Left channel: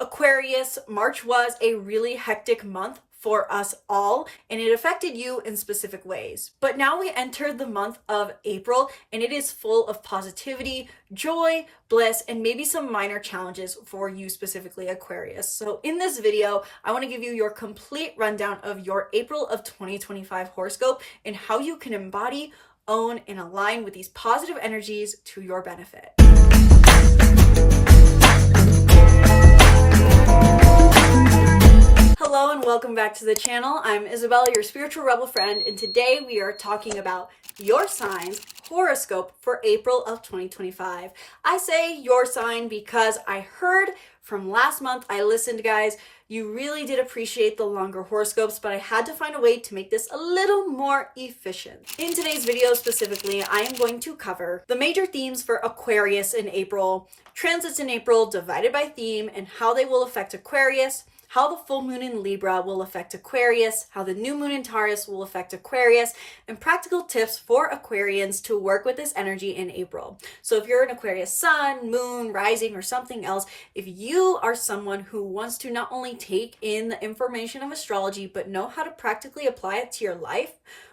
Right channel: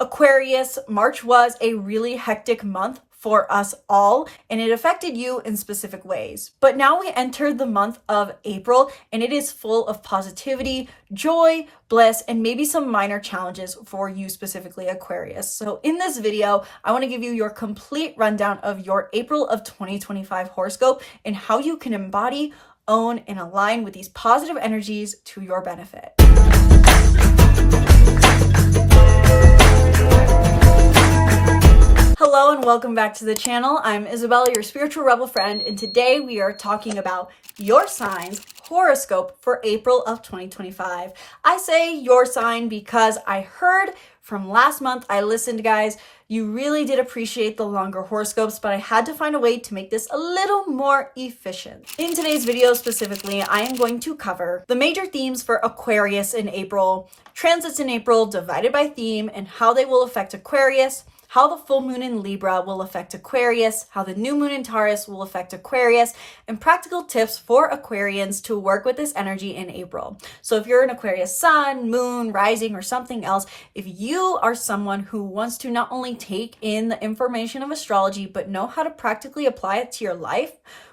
Aquarius, March was a really hectic month for us all, and it affected you in specific ways. But now we enter the month of April, and it is full of positivity, joy, bliss, and maybe some minor challenges for you specifically, Aquarius. So in this video, I want to give you your complete rundown of your April of 2025 horoscope and how you can embody, own, and align with these positive energies to your benefit. Hello and welcome back to the channel. I'm Isabelle, your spiritual rebel friend, and today we are talking about your sign's horoscope for April of 2025. I say your sign because I heard from last month, I listened, guys, you really did appreciate the longer horoscopes, but I had to find a way to make this a little more efficient. In today's video specifically, I am going to cover the major themes for Aquarius in April, transits in April divided by theme, and how they will affect Aquarius, how the full moon in Libra will affect Aquarius, how the new moon in Taurus will affect Aquarius, and practical tips for Aquarians to work with this energy in April. So if you're an Aquarius sun, moon, rising, or something else, if you are someone who wants to not only take in the information of astrology, but know how to practically apply it to your life,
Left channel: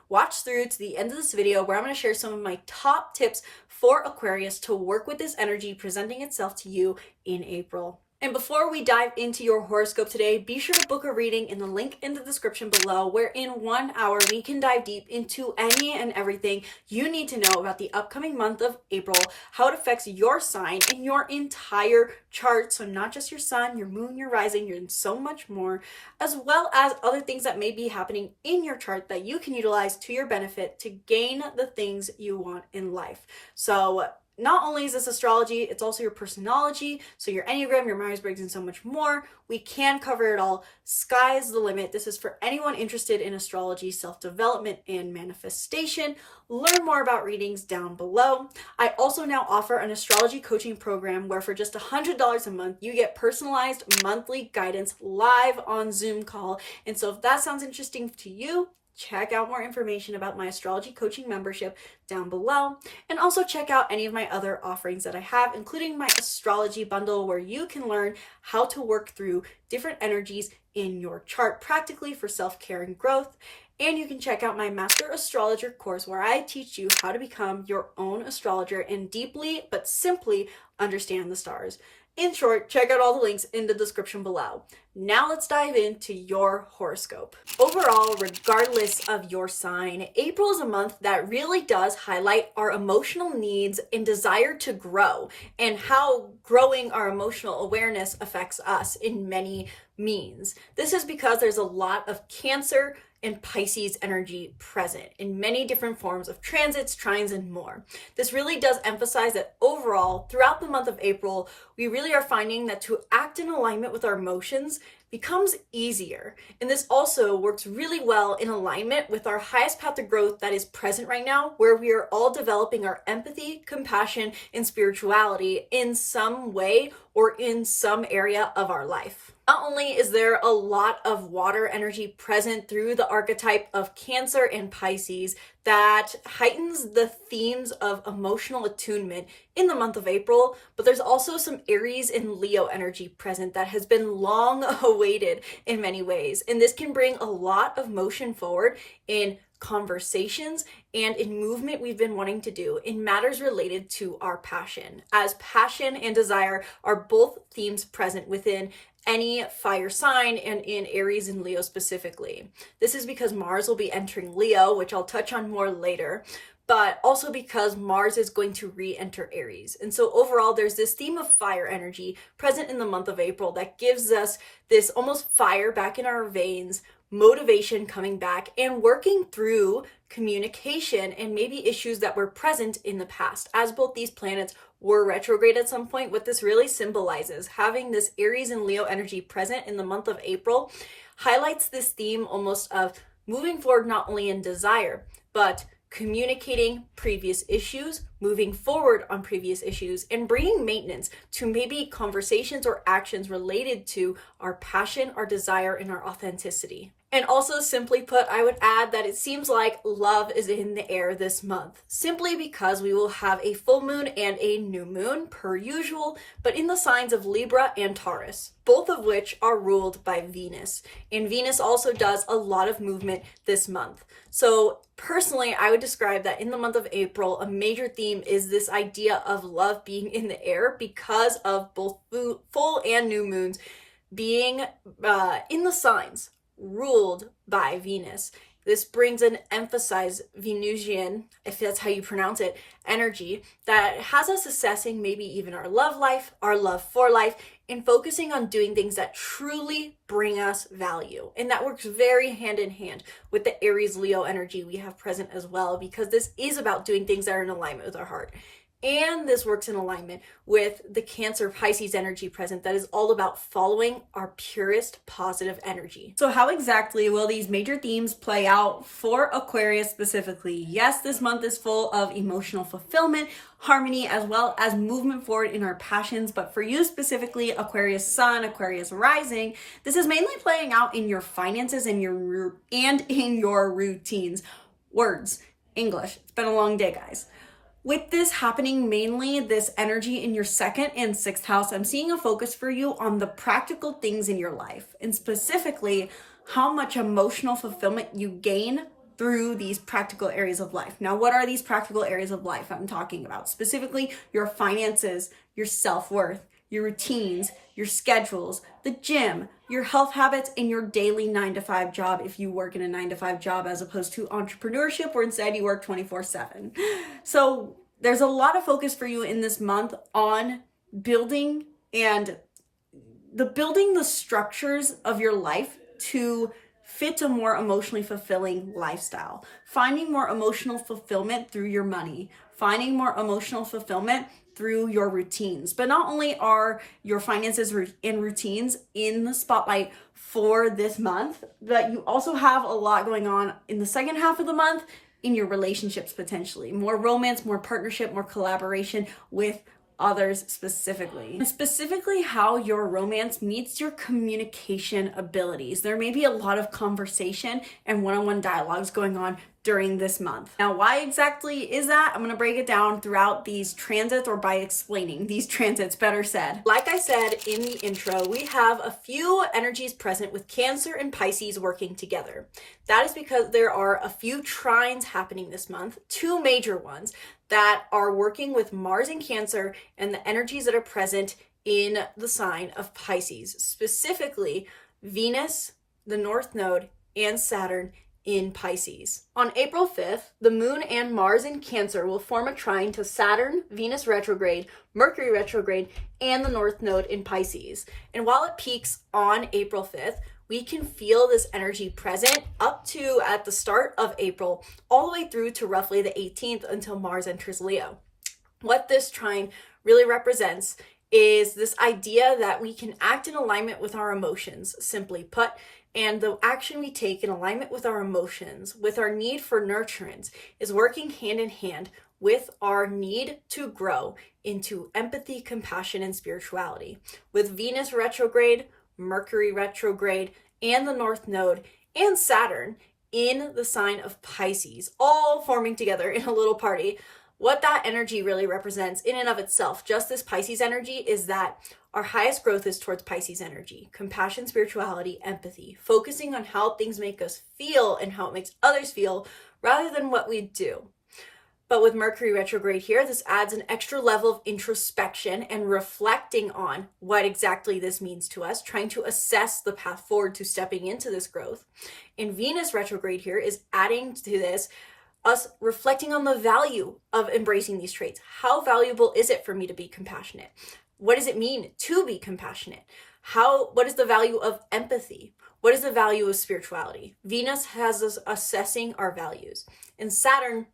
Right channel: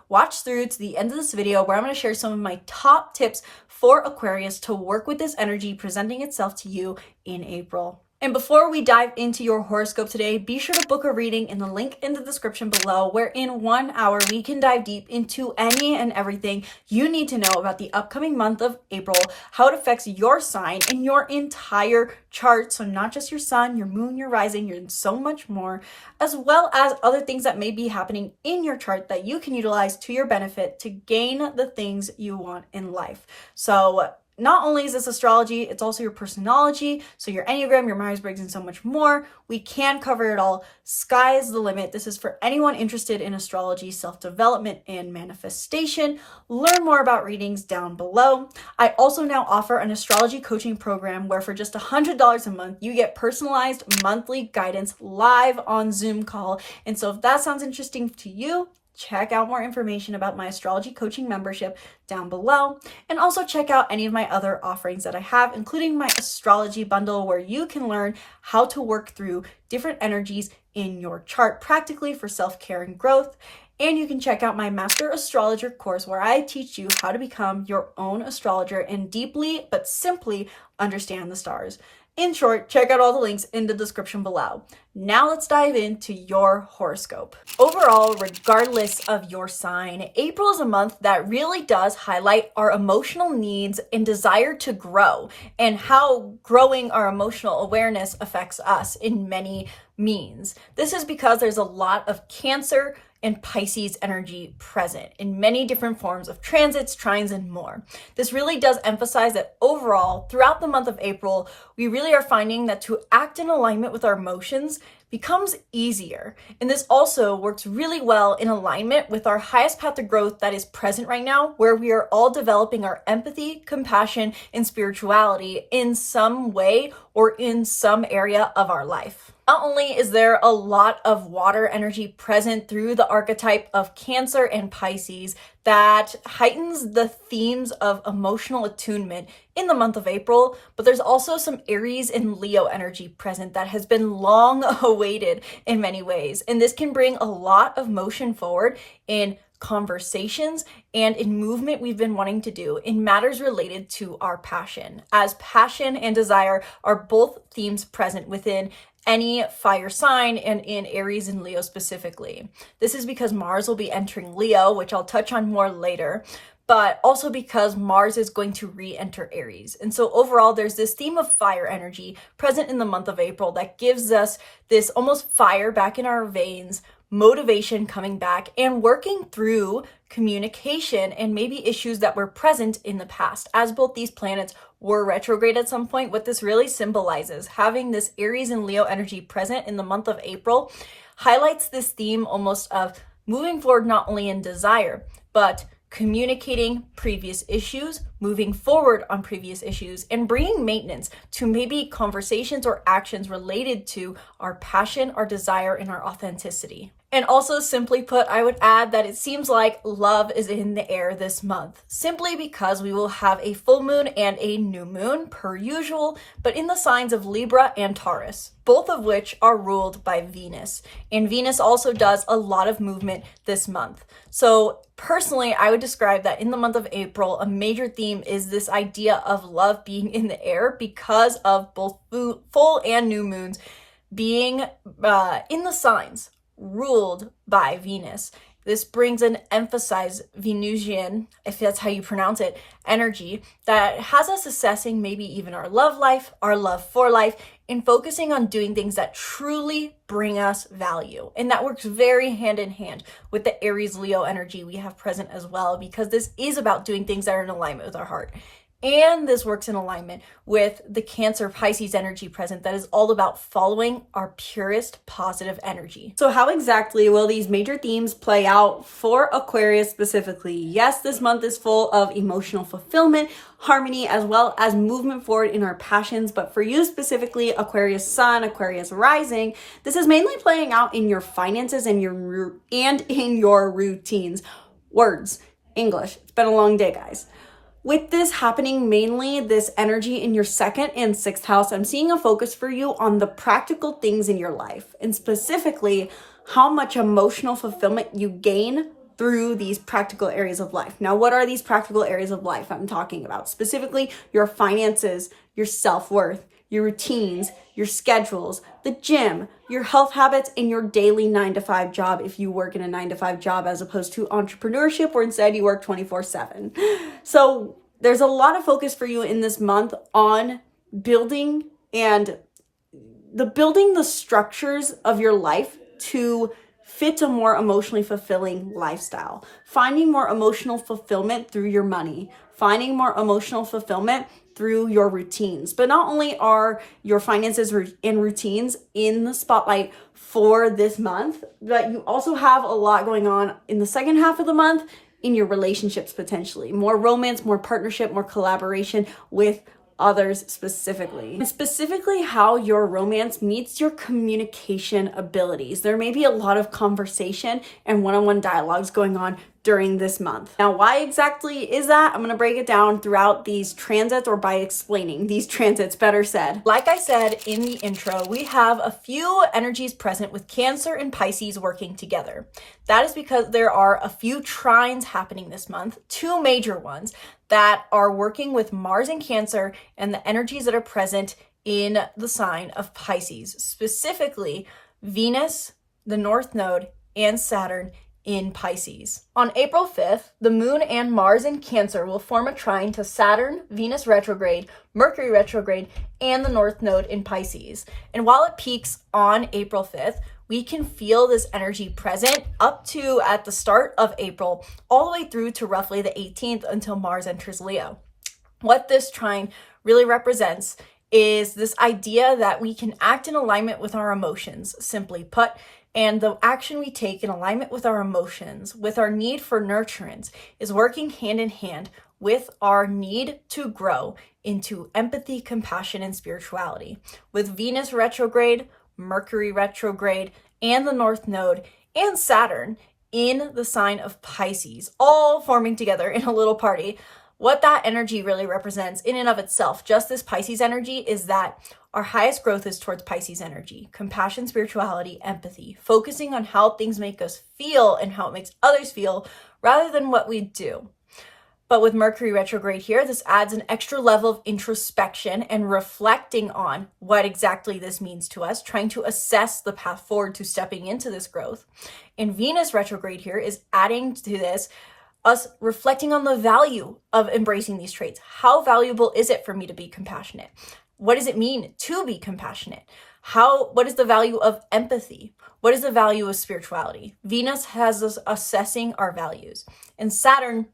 watch through to the end of this video where I'm going to share some of my top tips for Aquarius to work with this energy presenting itself to you in April. And before we dive into your horoscope today, be sure to book a reading in the link in the description below, where in 1 hour we can dive deep into any and everything you need to know about the upcoming month of April, how it affects your sign and your entire chart. So not just your sun, your moon, your rising, and so much more, as well as other things that may be happening in your chart that you can utilize to your benefit to gain the things you want in life. So not only is this astrology, it's also your personology, so your Enneagram, your Myers-Briggs, and so much more. We can cover it all. Sky is the limit. This is for anyone interested in astrology, self-development, and manifestation. Learn more about readings down below. I also now offer an astrology coaching program where for just $100 a month, you get personalized monthly guidance live on Zoom call. And so if that sounds interesting to you, check out more information about my astrology coaching membership down below, and also check out any of my other offerings that I have, including my astrology bundle where you can learn how to work through different energies in your chart practically for self-care and growth. And you can check out my Master Astrologer course where I teach you how to become your own astrologer and deeply but simply understand the stars. In short, check out all the links in the description below. Now let's dive into your horoscope. Overall, regardless of your sign, April is a month that really does highlight our emotional needs and desire to grow, and how growing our emotional awareness affects us in many means. This is because there's a lot of Cancer and Pisces energy present in many different forms of transits, trines, and more. This really does emphasize that overall, throughout the month of April, we really are finding that to act in alignment with our emotions becomes easier. And this also works really well in alignment with our highest path of growth that is present right now, where we are all developing our empathy, compassion, and spirituality in some way or in some area of our life. Not only is there a lot of water energy present through the archetype of Cancer and Pisces that heightens the themes of emotional attunement in the month of April, but there's also some Aries and Leo energy present that has been long awaited in many ways. And this can bring a lot of motion forward in conversations and in movement we've been wanting to do in matters related to our passion, as passion and desire are both themes present within any fire sign and in Aries and Leo specifically. This is because Mars will be entering Leo, which I'll touch on more later, but also because Mars is going to re-enter Aries. And so overall, there's this theme of fire energy present in the month of April that gives us this almost fire back in our veins, motivation coming back, and working through communication and maybe issues that were present in the past. As both these planets were retrograde at some point, what this really symbolizes, having this Aries and Leo energy present in the month of April, highlights this theme almost of moving forward not only in desire, but communicating previous issues, moving forward on previous issues, and bringing maintenance to maybe conversations or actions related to our passion, our desire, and our authenticity. And also, simply put, I would add that it seems like love is in the air this month, simply because we will have a full moon and a new moon per usual, but in the signs of Libra and Taurus, both of which are ruled by Venus. And Venus also does a lot of movement this month. So personally, I would describe that in the month of April, a major theme is this idea of love being in the air because of both full and new moons being in the signs ruled by Venus. This brings an emphasized Venusian, if that's how you pronounce it, energy that has us assessing maybe even our love life, our love for life, and focusing on doing things that truly bring us value. And that works very hand in hand with the Aries Leo energy we have present as well, because this is about doing things that are in alignment with our heart. And this works in alignment with the Cancer Pisces energy present that is all about following our purest positive energy. So how exactly will these major themes play out for Aquarius specifically? Yes, this month is full of emotional fulfillment, harmony, as well as movement forward in our passions. But for you specifically, Aquarius Sun, Aquarius Rising, this is mainly playing out in your finances and in your routines. Words, English. It's been a long day, guys. With this happening, mainly this energy in your second and sixth house, I'm seeing a focus for you on the practical things in your life, and specifically how much emotional fulfillment you gain through these practical areas of life. Now, what are these practical areas of life I'm talking about? Specifically, your finances, your self-worth, your routines, your schedules, the gym, your health habits, and your daily 9-to-5 job if you work in a 9-to-5 job as opposed to entrepreneurship where instead you work 24/7. So there's a lot of focus for you in this month on building the structures of your life to fit a more emotionally fulfilling lifestyle. Finding more emotional fulfillment through your money, finding more emotional fulfillment through your routines. But not only are your finances and routines in the spotlight for this month, but you also have a lot going on in the second half of the month in your relationships potentially. More romance, more partnership, more collaboration with others specifically. And specifically how your romance meets your communication abilities. There may be a lot of conversation and one-on-one dialogues going on during this month. Now, why exactly is that? I'm going to break it down throughout these transits, or by explaining these transits, better said. Like I said in the intro, we have a few energies present with Cancer and Pisces working together. That is because there are a few trines happening this month, two major ones that are working with Mars in Cancer and the energies that are present in the sign of Pisces, specifically Venus, the North Node, and Saturn in Pisces. On April 5th, the Moon and Mars in Cancer will form a trine to Saturn, Venus retrograde, Mercury retrograde, and the North Node in Pisces. And while it peaks on April 5th, we can feel this energy present up to at the start of April, all the way through to roughly the 18th until Mars enters Leo. What this trine really represents is this idea that we can act in alignment with our emotions, simply put, and the action we take in alignment with our emotions, with our need for nurturance, is working hand in hand with our need to grow into empathy, compassion, and spirituality. With Venus retrograde, Mercury retrograde, and the North Node, and Saturn in the sign of Pisces, all forming together in a little party, what that energy really represents in and of itself, just this Pisces energy, is that our highest growth is towards Pisces energy, compassion, spirituality, empathy, focusing on how things make us feel and how it makes others feel rather than what we do. But with Mercury retrograde here, this adds an extra level of introspection and reflecting on what exactly this means to us, trying to assess the path forward to stepping into this growth. And Venus retrograde here is adding to this us reflecting on the value of embracing these traits. How valuable is it for me to be compassionate? What does it mean to be compassionate? What is the value of empathy? What is the value of spirituality? Venus has us assessing our values. And Saturn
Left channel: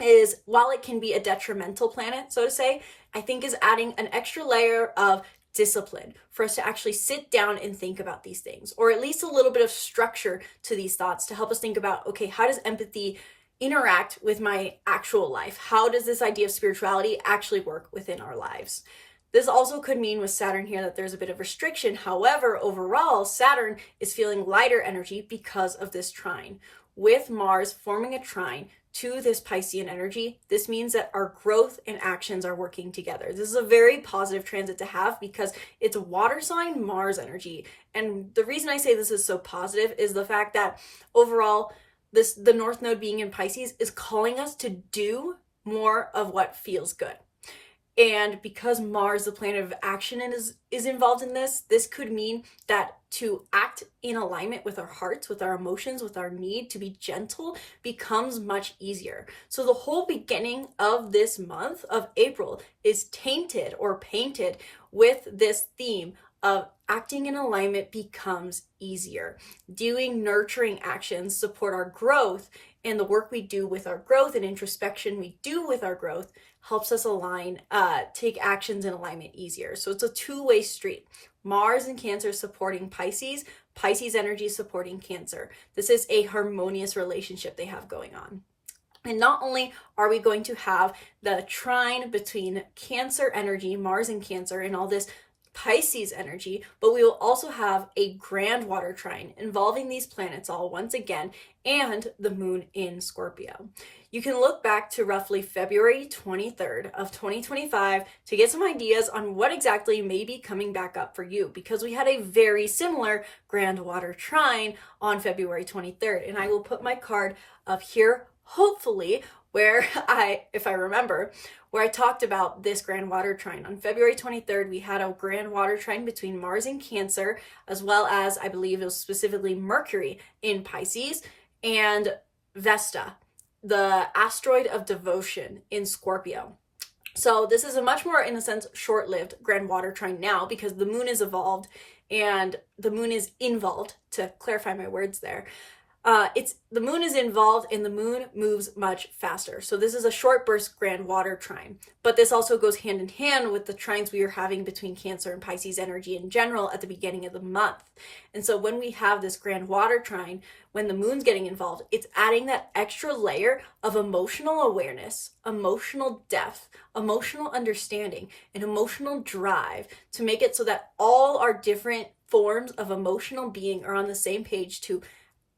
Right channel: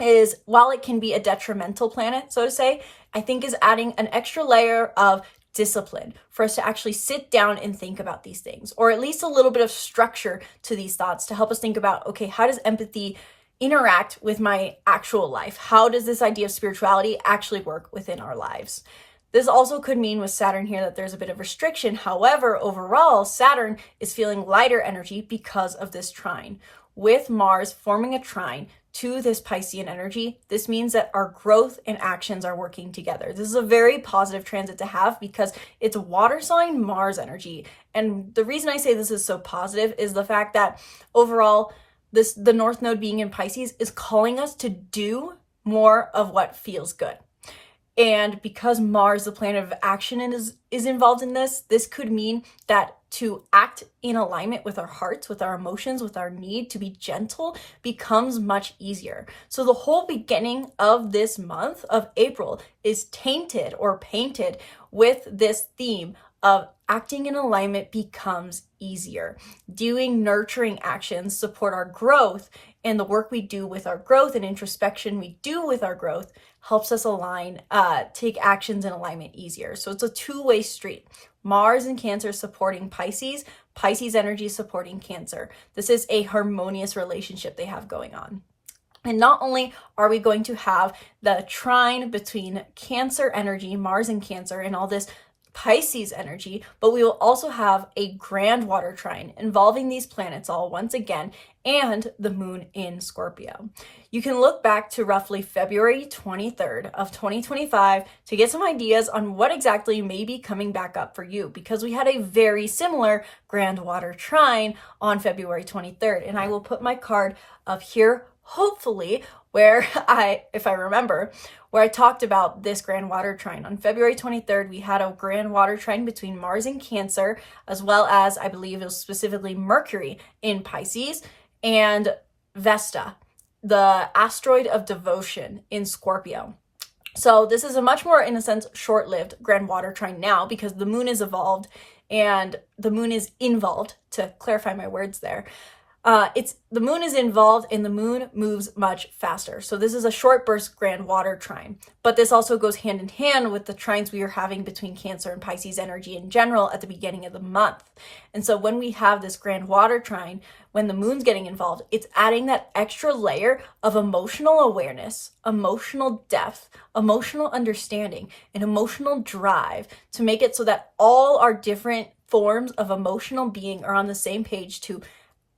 is, while it can be a detrimental planet, so to say, I think is adding an extra layer of discipline for us to actually sit down and think about these things, or at least a little bit of structure to these thoughts to help us think about, okay, how does empathy interact with my actual life? How does this idea of spirituality actually work within our lives? This also could mean with Saturn here that there's a bit of restriction. However, overall, Saturn is feeling lighter energy because of this trine. With Mars forming a trine to this Piscean energy, this means that our growth and actions are working together. This is a very positive transit to have because it's water sign Mars energy. And the reason I say this is so positive is the fact that overall, the North Node being in Pisces is calling us to do more of what feels good. And because Mars, the planet of action, is involved in this could mean that to act in alignment with our hearts, with our emotions, with our need to be gentle becomes much easier. So the whole beginning of this month of April is tainted or painted with this theme of acting in alignment becomes easier. Doing nurturing actions support our growth, and the work we do with our growth and introspection we do with our growth helps us align, take actions in alignment easier. So it's a two-way street. Mars and Cancer supporting Pisces, Pisces energy supporting Cancer. This is a harmonious relationship they have going on. And not only are we going to have the trine between Cancer energy, Mars and Cancer, and all this Pisces energy, but we will also have a grand water trine involving these planets all once again, and the moon in Scorpio. You can look back to roughly February 23rd of 2025 to get some ideas on what exactly may be coming back up for you, because we had a very similar grand water trine on February 23rd. And I will put my card up here, hopefully, where if I remember, where I talked about this grand water trine. On February 23rd, we had a grand water trine between Mars and Cancer, as well as, I believe it was specifically Mercury in Pisces, and Vesta, the asteroid of devotion, in Scorpio. So this is a much more, in a sense, short-lived grand water trine now because the moon is evolved and the moon is involved, to clarify my words there. The moon is involved and the moon moves much faster. So this is a short burst grand water trine, but this also goes hand in hand with the trines we are having between Cancer and Pisces energy in general at the beginning of the month. And so when we have this grand water trine, when the moon's getting involved, it's adding that extra layer of emotional awareness, emotional depth, emotional understanding, and emotional drive to make it so that all our different forms of emotional being are on the same page to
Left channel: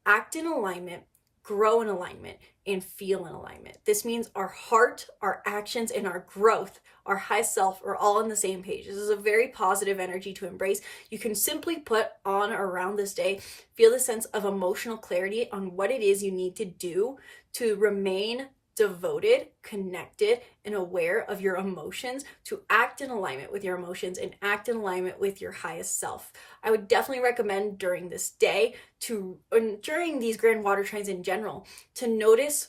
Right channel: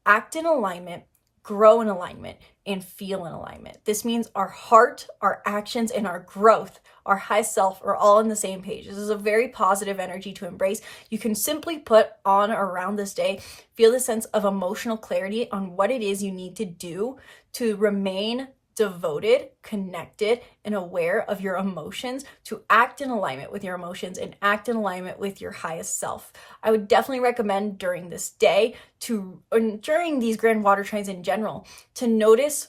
act in alignment, grow in alignment, and feel in alignment. This means our heart, our actions, and our growth, our high self, are all on the same page. This is a very positive energy to embrace. You can simply put on around this day, feel the sense of emotional clarity on what it is you need to do to remain devoted, connected, and aware of your emotions, to act in alignment with your emotions and act in alignment with your highest self. I would definitely recommend during this day during these grand water trines in general, to notice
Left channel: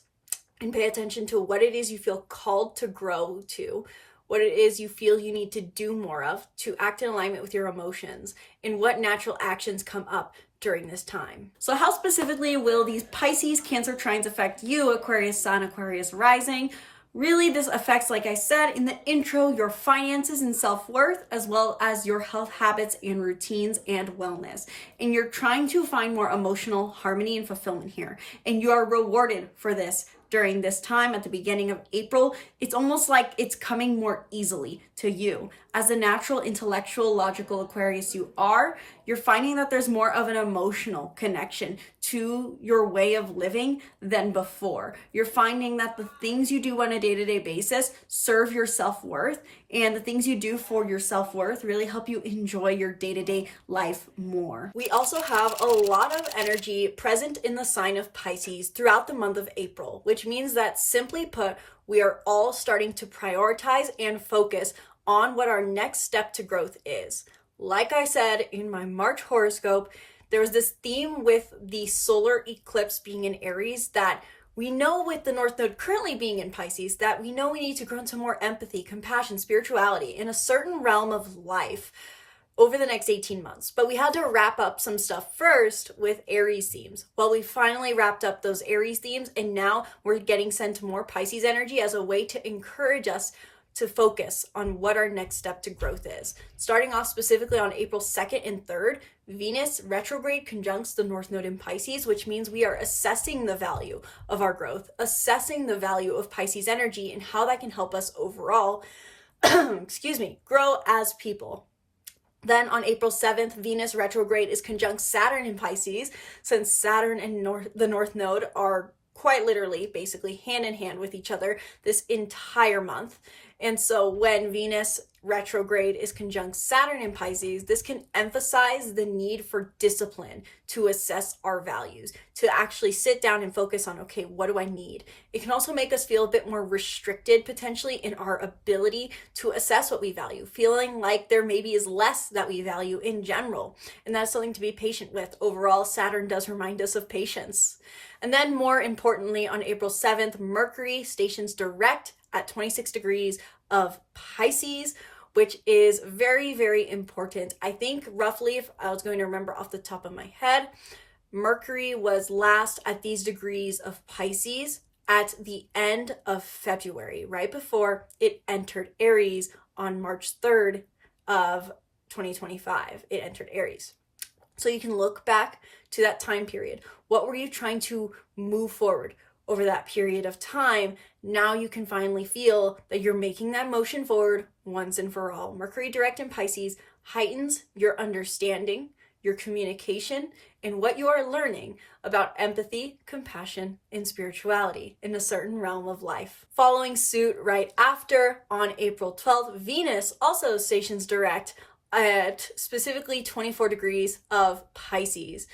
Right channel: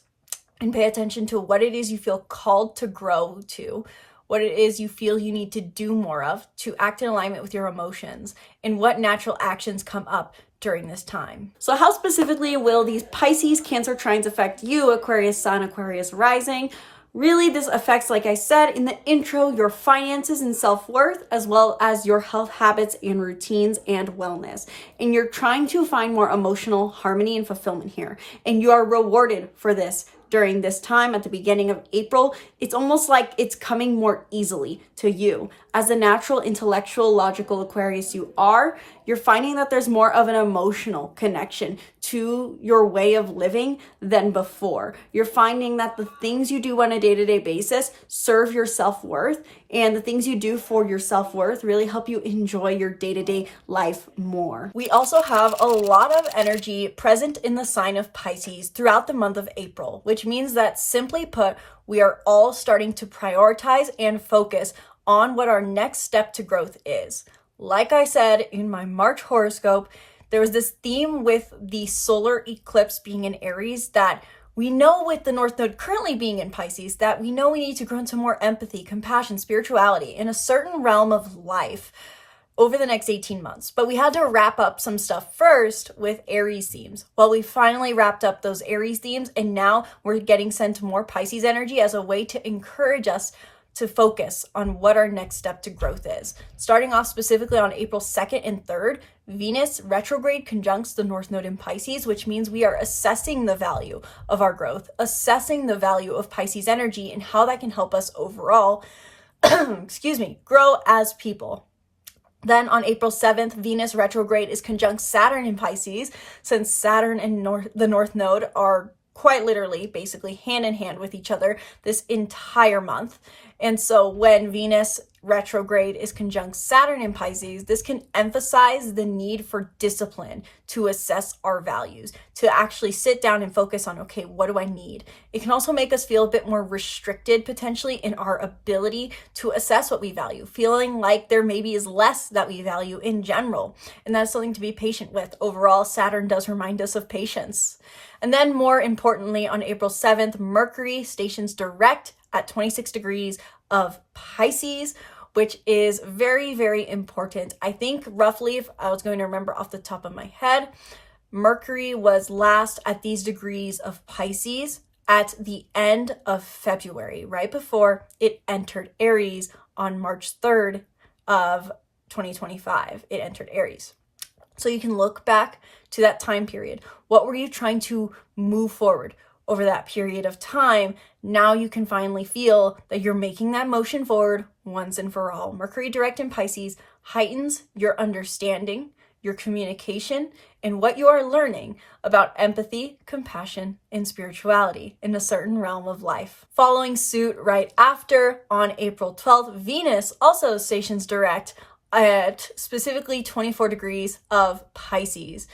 and pay attention to what it is you feel called to grow to, what it is you feel you need to do more of to act in alignment with your emotions, and what natural actions come up during this time. So how specifically will these Pisces Cancer trines affect you, Aquarius Sun, Aquarius Rising? Really, this affects, like I said in the intro, your finances and self-worth, as well as your health habits and routines and wellness. And you're trying to find more emotional harmony and fulfillment here. And you are rewarded for this during this time at the beginning of April. It's almost like it's coming more easily to you. As the natural, intellectual, logical Aquarius you are, you're finding that there's more of an emotional connection to your way of living than before. You're finding that the things you do on a day-to-day basis serve your self-worth, and the things you do for your self-worth really help you enjoy your day-to-day life more. We also have a lot of energy present in the sign of Pisces throughout the month of April, which means that, simply put, we are all starting to prioritize and focus on what our next step to growth is. Like I said in my March horoscope, there was this theme with the solar eclipse being in Aries that we know, with the North Node currently being in Pisces, that we know we need to grow into more empathy, compassion, spirituality in a certain realm of life over the next 18 months. But we had to wrap up some stuff first with Aries themes. Well, we finally wrapped up those Aries themes, and now we're getting sent more Pisces energy as a way to encourage us to focus on what our next step to growth is. Starting off specifically on April 2nd and 3rd, Venus retrograde conjuncts the North Node in Pisces, which means we are assessing the value of our growth, assessing the value of Pisces energy and how that can help us overall excuse me, grow as people. Then on April 7th, Venus retrograde is conjunct Saturn in Pisces, since Saturn and the North Node are quite literally, basically hand in hand with each other this entire month. And so when Venus retrograde is conjunct Saturn in Pisces, this can emphasize the need for discipline to assess our values, to actually sit down and focus on, okay, what do I need? It can also make us feel a bit more restricted potentially in our ability to assess what we value, feeling like there maybe is less that we value in general. And that's something to be patient with. Overall, Saturn does remind us of patience. And then more importantly, on April 7th, Mercury stations direct at 26 degrees of Pisces, which is very, very important. I think roughly, if I was going to remember off the top of my head, Mercury was last at these degrees of Pisces at the end of February, right before it entered Aries on March 3rd of 2025. It entered Aries. So you can look back to that time period. What were you trying to move forward over that period of time? Now you can finally feel that you're making that motion forward once and for all. Mercury direct in Pisces heightens your understanding, your communication, and what you are learning about empathy, compassion, and spirituality in a certain realm of life. Following suit right after, on April 12th, Venus also stations direct at specifically 24 degrees of Pisces.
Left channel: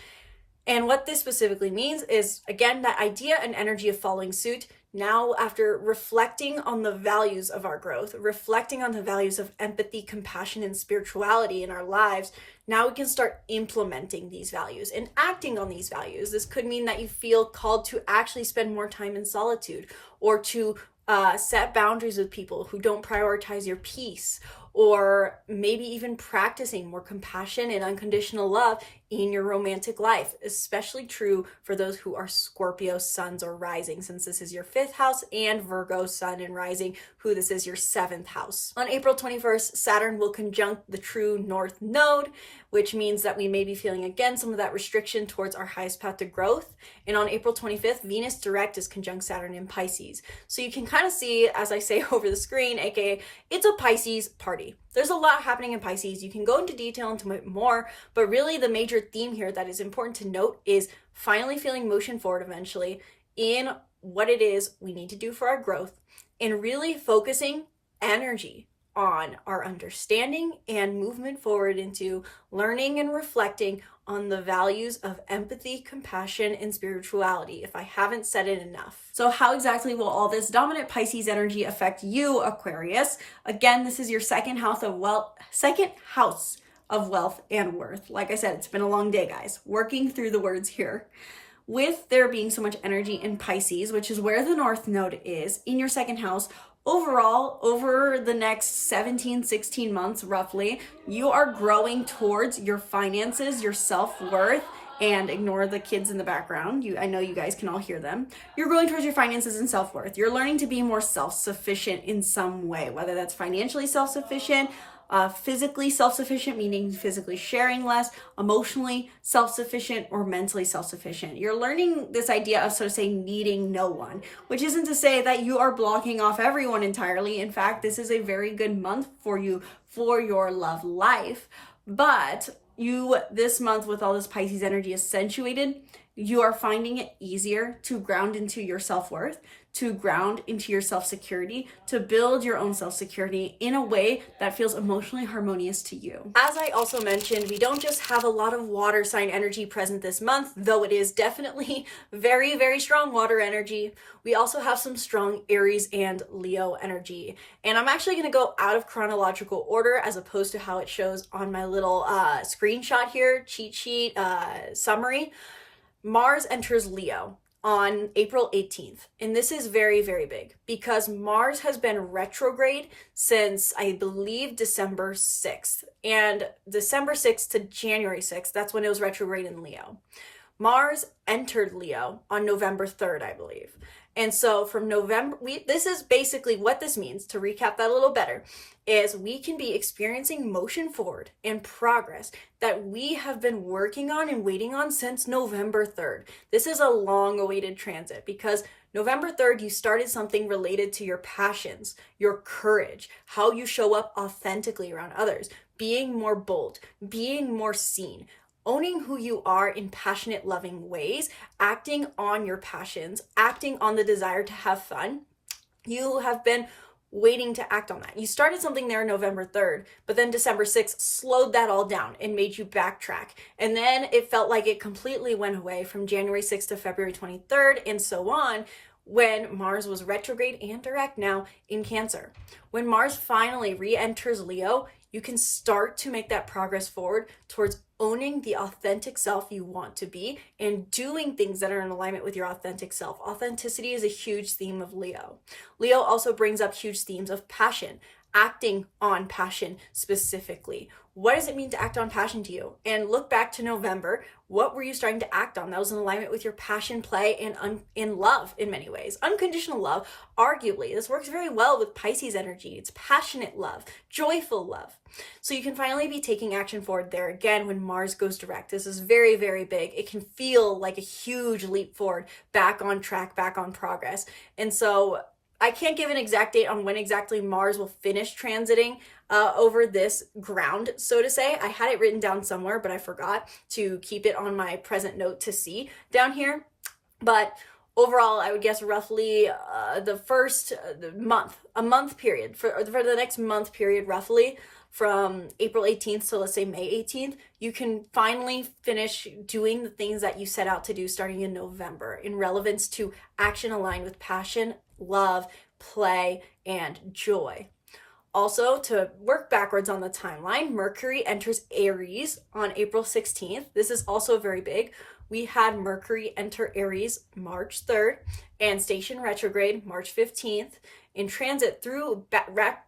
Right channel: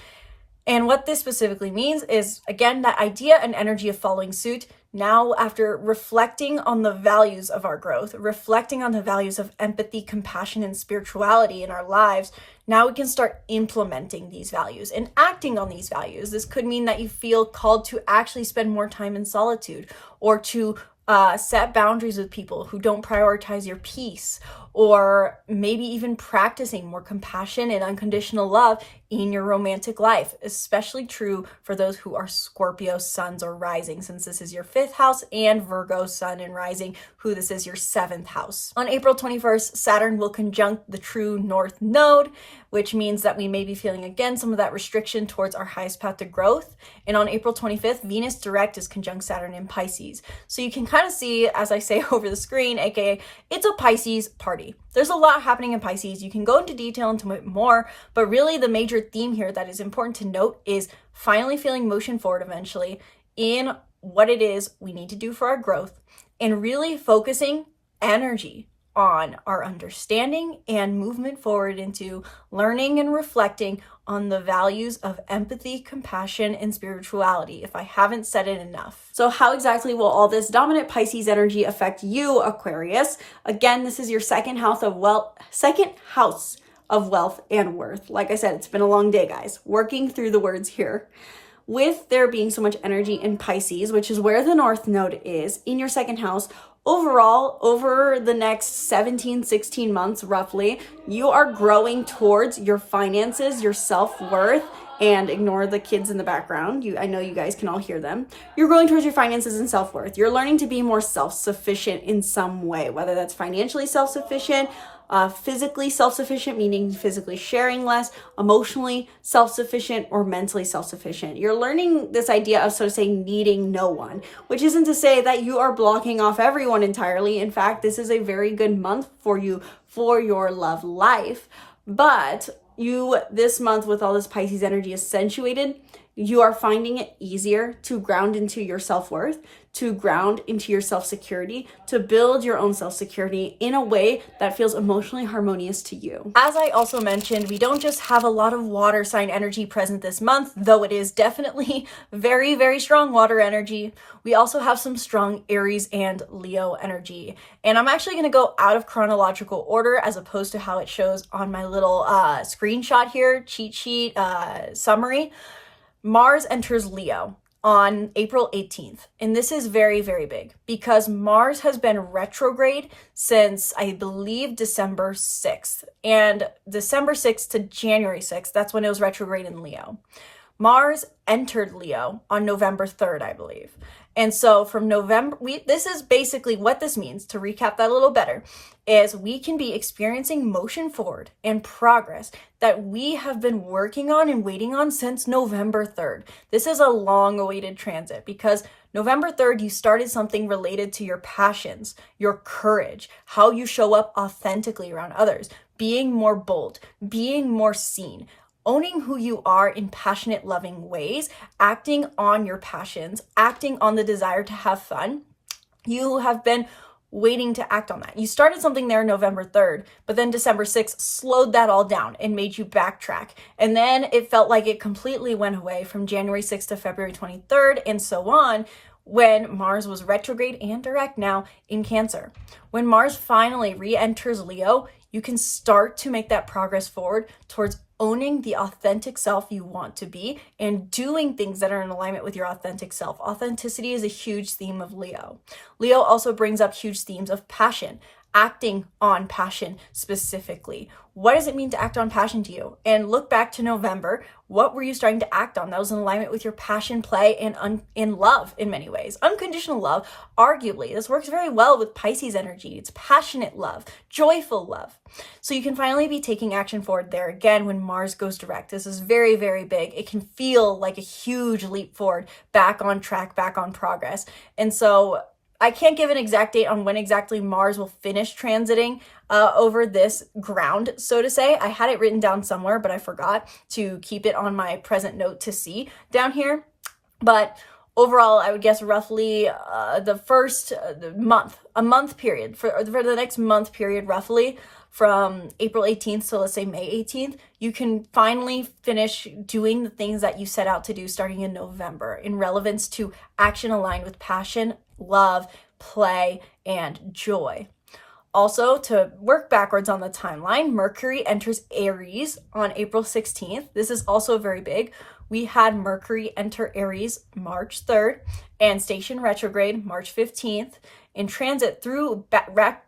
And what this specifically means is, again, that idea and energy of following suit. Now, after reflecting on the values of our growth, reflecting on the values of empathy, compassion, and spirituality in our lives, now we can start implementing these values and acting on these values. This could mean that you feel called to actually spend more time in solitude, or to set boundaries with people who don't prioritize your peace, or maybe even practicing more compassion and unconditional love in your romantic life, especially true for those who are Scorpio suns or rising, since this is your 5th house, and Virgo sun and rising, who this is your 7th house. On April 21st, Saturn will conjunct the true North Node, which means that we may be feeling again some of that restriction towards our highest path to growth. And on April 25th, Venus direct is conjunct Saturn in Pisces. So you can kind of see, as I say over the screen, aka it's a Pisces party. There's a lot happening in Pisces. You can go into detail into it more, but really the major theme here that is important to note is finally feeling motion forward eventually in what it is we need to do for our growth, and really focusing energy on our understanding and movement forward into learning and reflecting on the values of empathy, compassion, and spirituality, if I haven't said it enough. So how exactly will all this dominant Pisces energy affect you, Aquarius? Again, this is your second house of wealth and worth. Like I said, it's been a long day, guys, working through the words here. With there being so much energy in Pisces, which is where the North Node is, in your second house, overall, over the next 16 months, roughly, you are growing towards your finances, your self-worth, and ignore the kids in the background. I know you guys can all hear them. You're growing towards your finances and self-worth. You're learning to be more self-sufficient in some way, whether that's financially self-sufficient, physically self-sufficient, meaning physically sharing less, emotionally self-sufficient, or mentally self-sufficient. You're learning this idea of, so to say, needing no one, which isn't to say that you are blocking off everyone entirely. In fact, this is a very good month for you for your love life. But this month, with all this Pisces energy accentuated, you are finding it easier to ground into your self-worth, to ground into your self-security, to build your own self-security in a way that feels emotionally harmonious to you. As I also mentioned, we don't just have a lot of water sign energy present this month, though it is definitely very, very strong water energy. We also have some strong Aries and Leo energy. And I'm actually gonna go out of chronological order as opposed to how it shows on my little screenshot here, cheat sheet summary. Mars enters Leo on April 18th. And this is very, very big because Mars has been retrograde since, I believe, December 6th. And December 6th to January 6th, that's when it was retrograde in Leo. Mars entered Leo on November 3rd, I believe. And so from November, this is basically what this means, to recap that a little better, is we can be experiencing motion forward and progress that we have been working on and waiting on since November 3rd. This is a long-awaited transit because November 3rd, you started something related to your passions, your courage, how you show up authentically around others, being more bold, being more seen, owning who you are in passionate, loving ways, acting on your passions, acting on the desire to have fun. You have been waiting to act on that. You started something there November 3rd, but then December 6th slowed that all down and made you backtrack. And then it felt like it completely went away from January 6th to February 23rd and so on, when Mars was retrograde and direct now in Cancer. When Mars finally re-enters Leo, you can start to make that progress forward towards owning the authentic self you want to be and doing things that are in alignment with your authentic self. Authenticity is a huge theme of Leo. Leo also brings up huge themes of passion, acting on passion specifically. What does it mean to act on passion to you? And look back to November. What were you starting to act on that was in alignment with your passion, play, and in love in many ways? Unconditional love, arguably. This works very well with Pisces energy. It's passionate love, joyful love. So you can finally be taking action forward there again when Mars goes direct. This is very, very big. It can feel like a huge leap forward, back on track, back on progress. And so I can't give an exact date on when exactly Mars will finish transiting over this ground, so to say. I had it written down somewhere, but I forgot to keep it on my present note to see down here. But overall, I would guess roughly the first month, a month period, for the next month period, roughly from April 18th to let's say May 18th, you can finally finish doing the things that you set out to do starting in November in relevance to action aligned with passion, love, play, and joy. Also, to work backwards on the timeline, Mercury enters Aries on April 16th. This is also very big. We had Mercury enter Aries March 3rd and station retrograde March 15th and transit through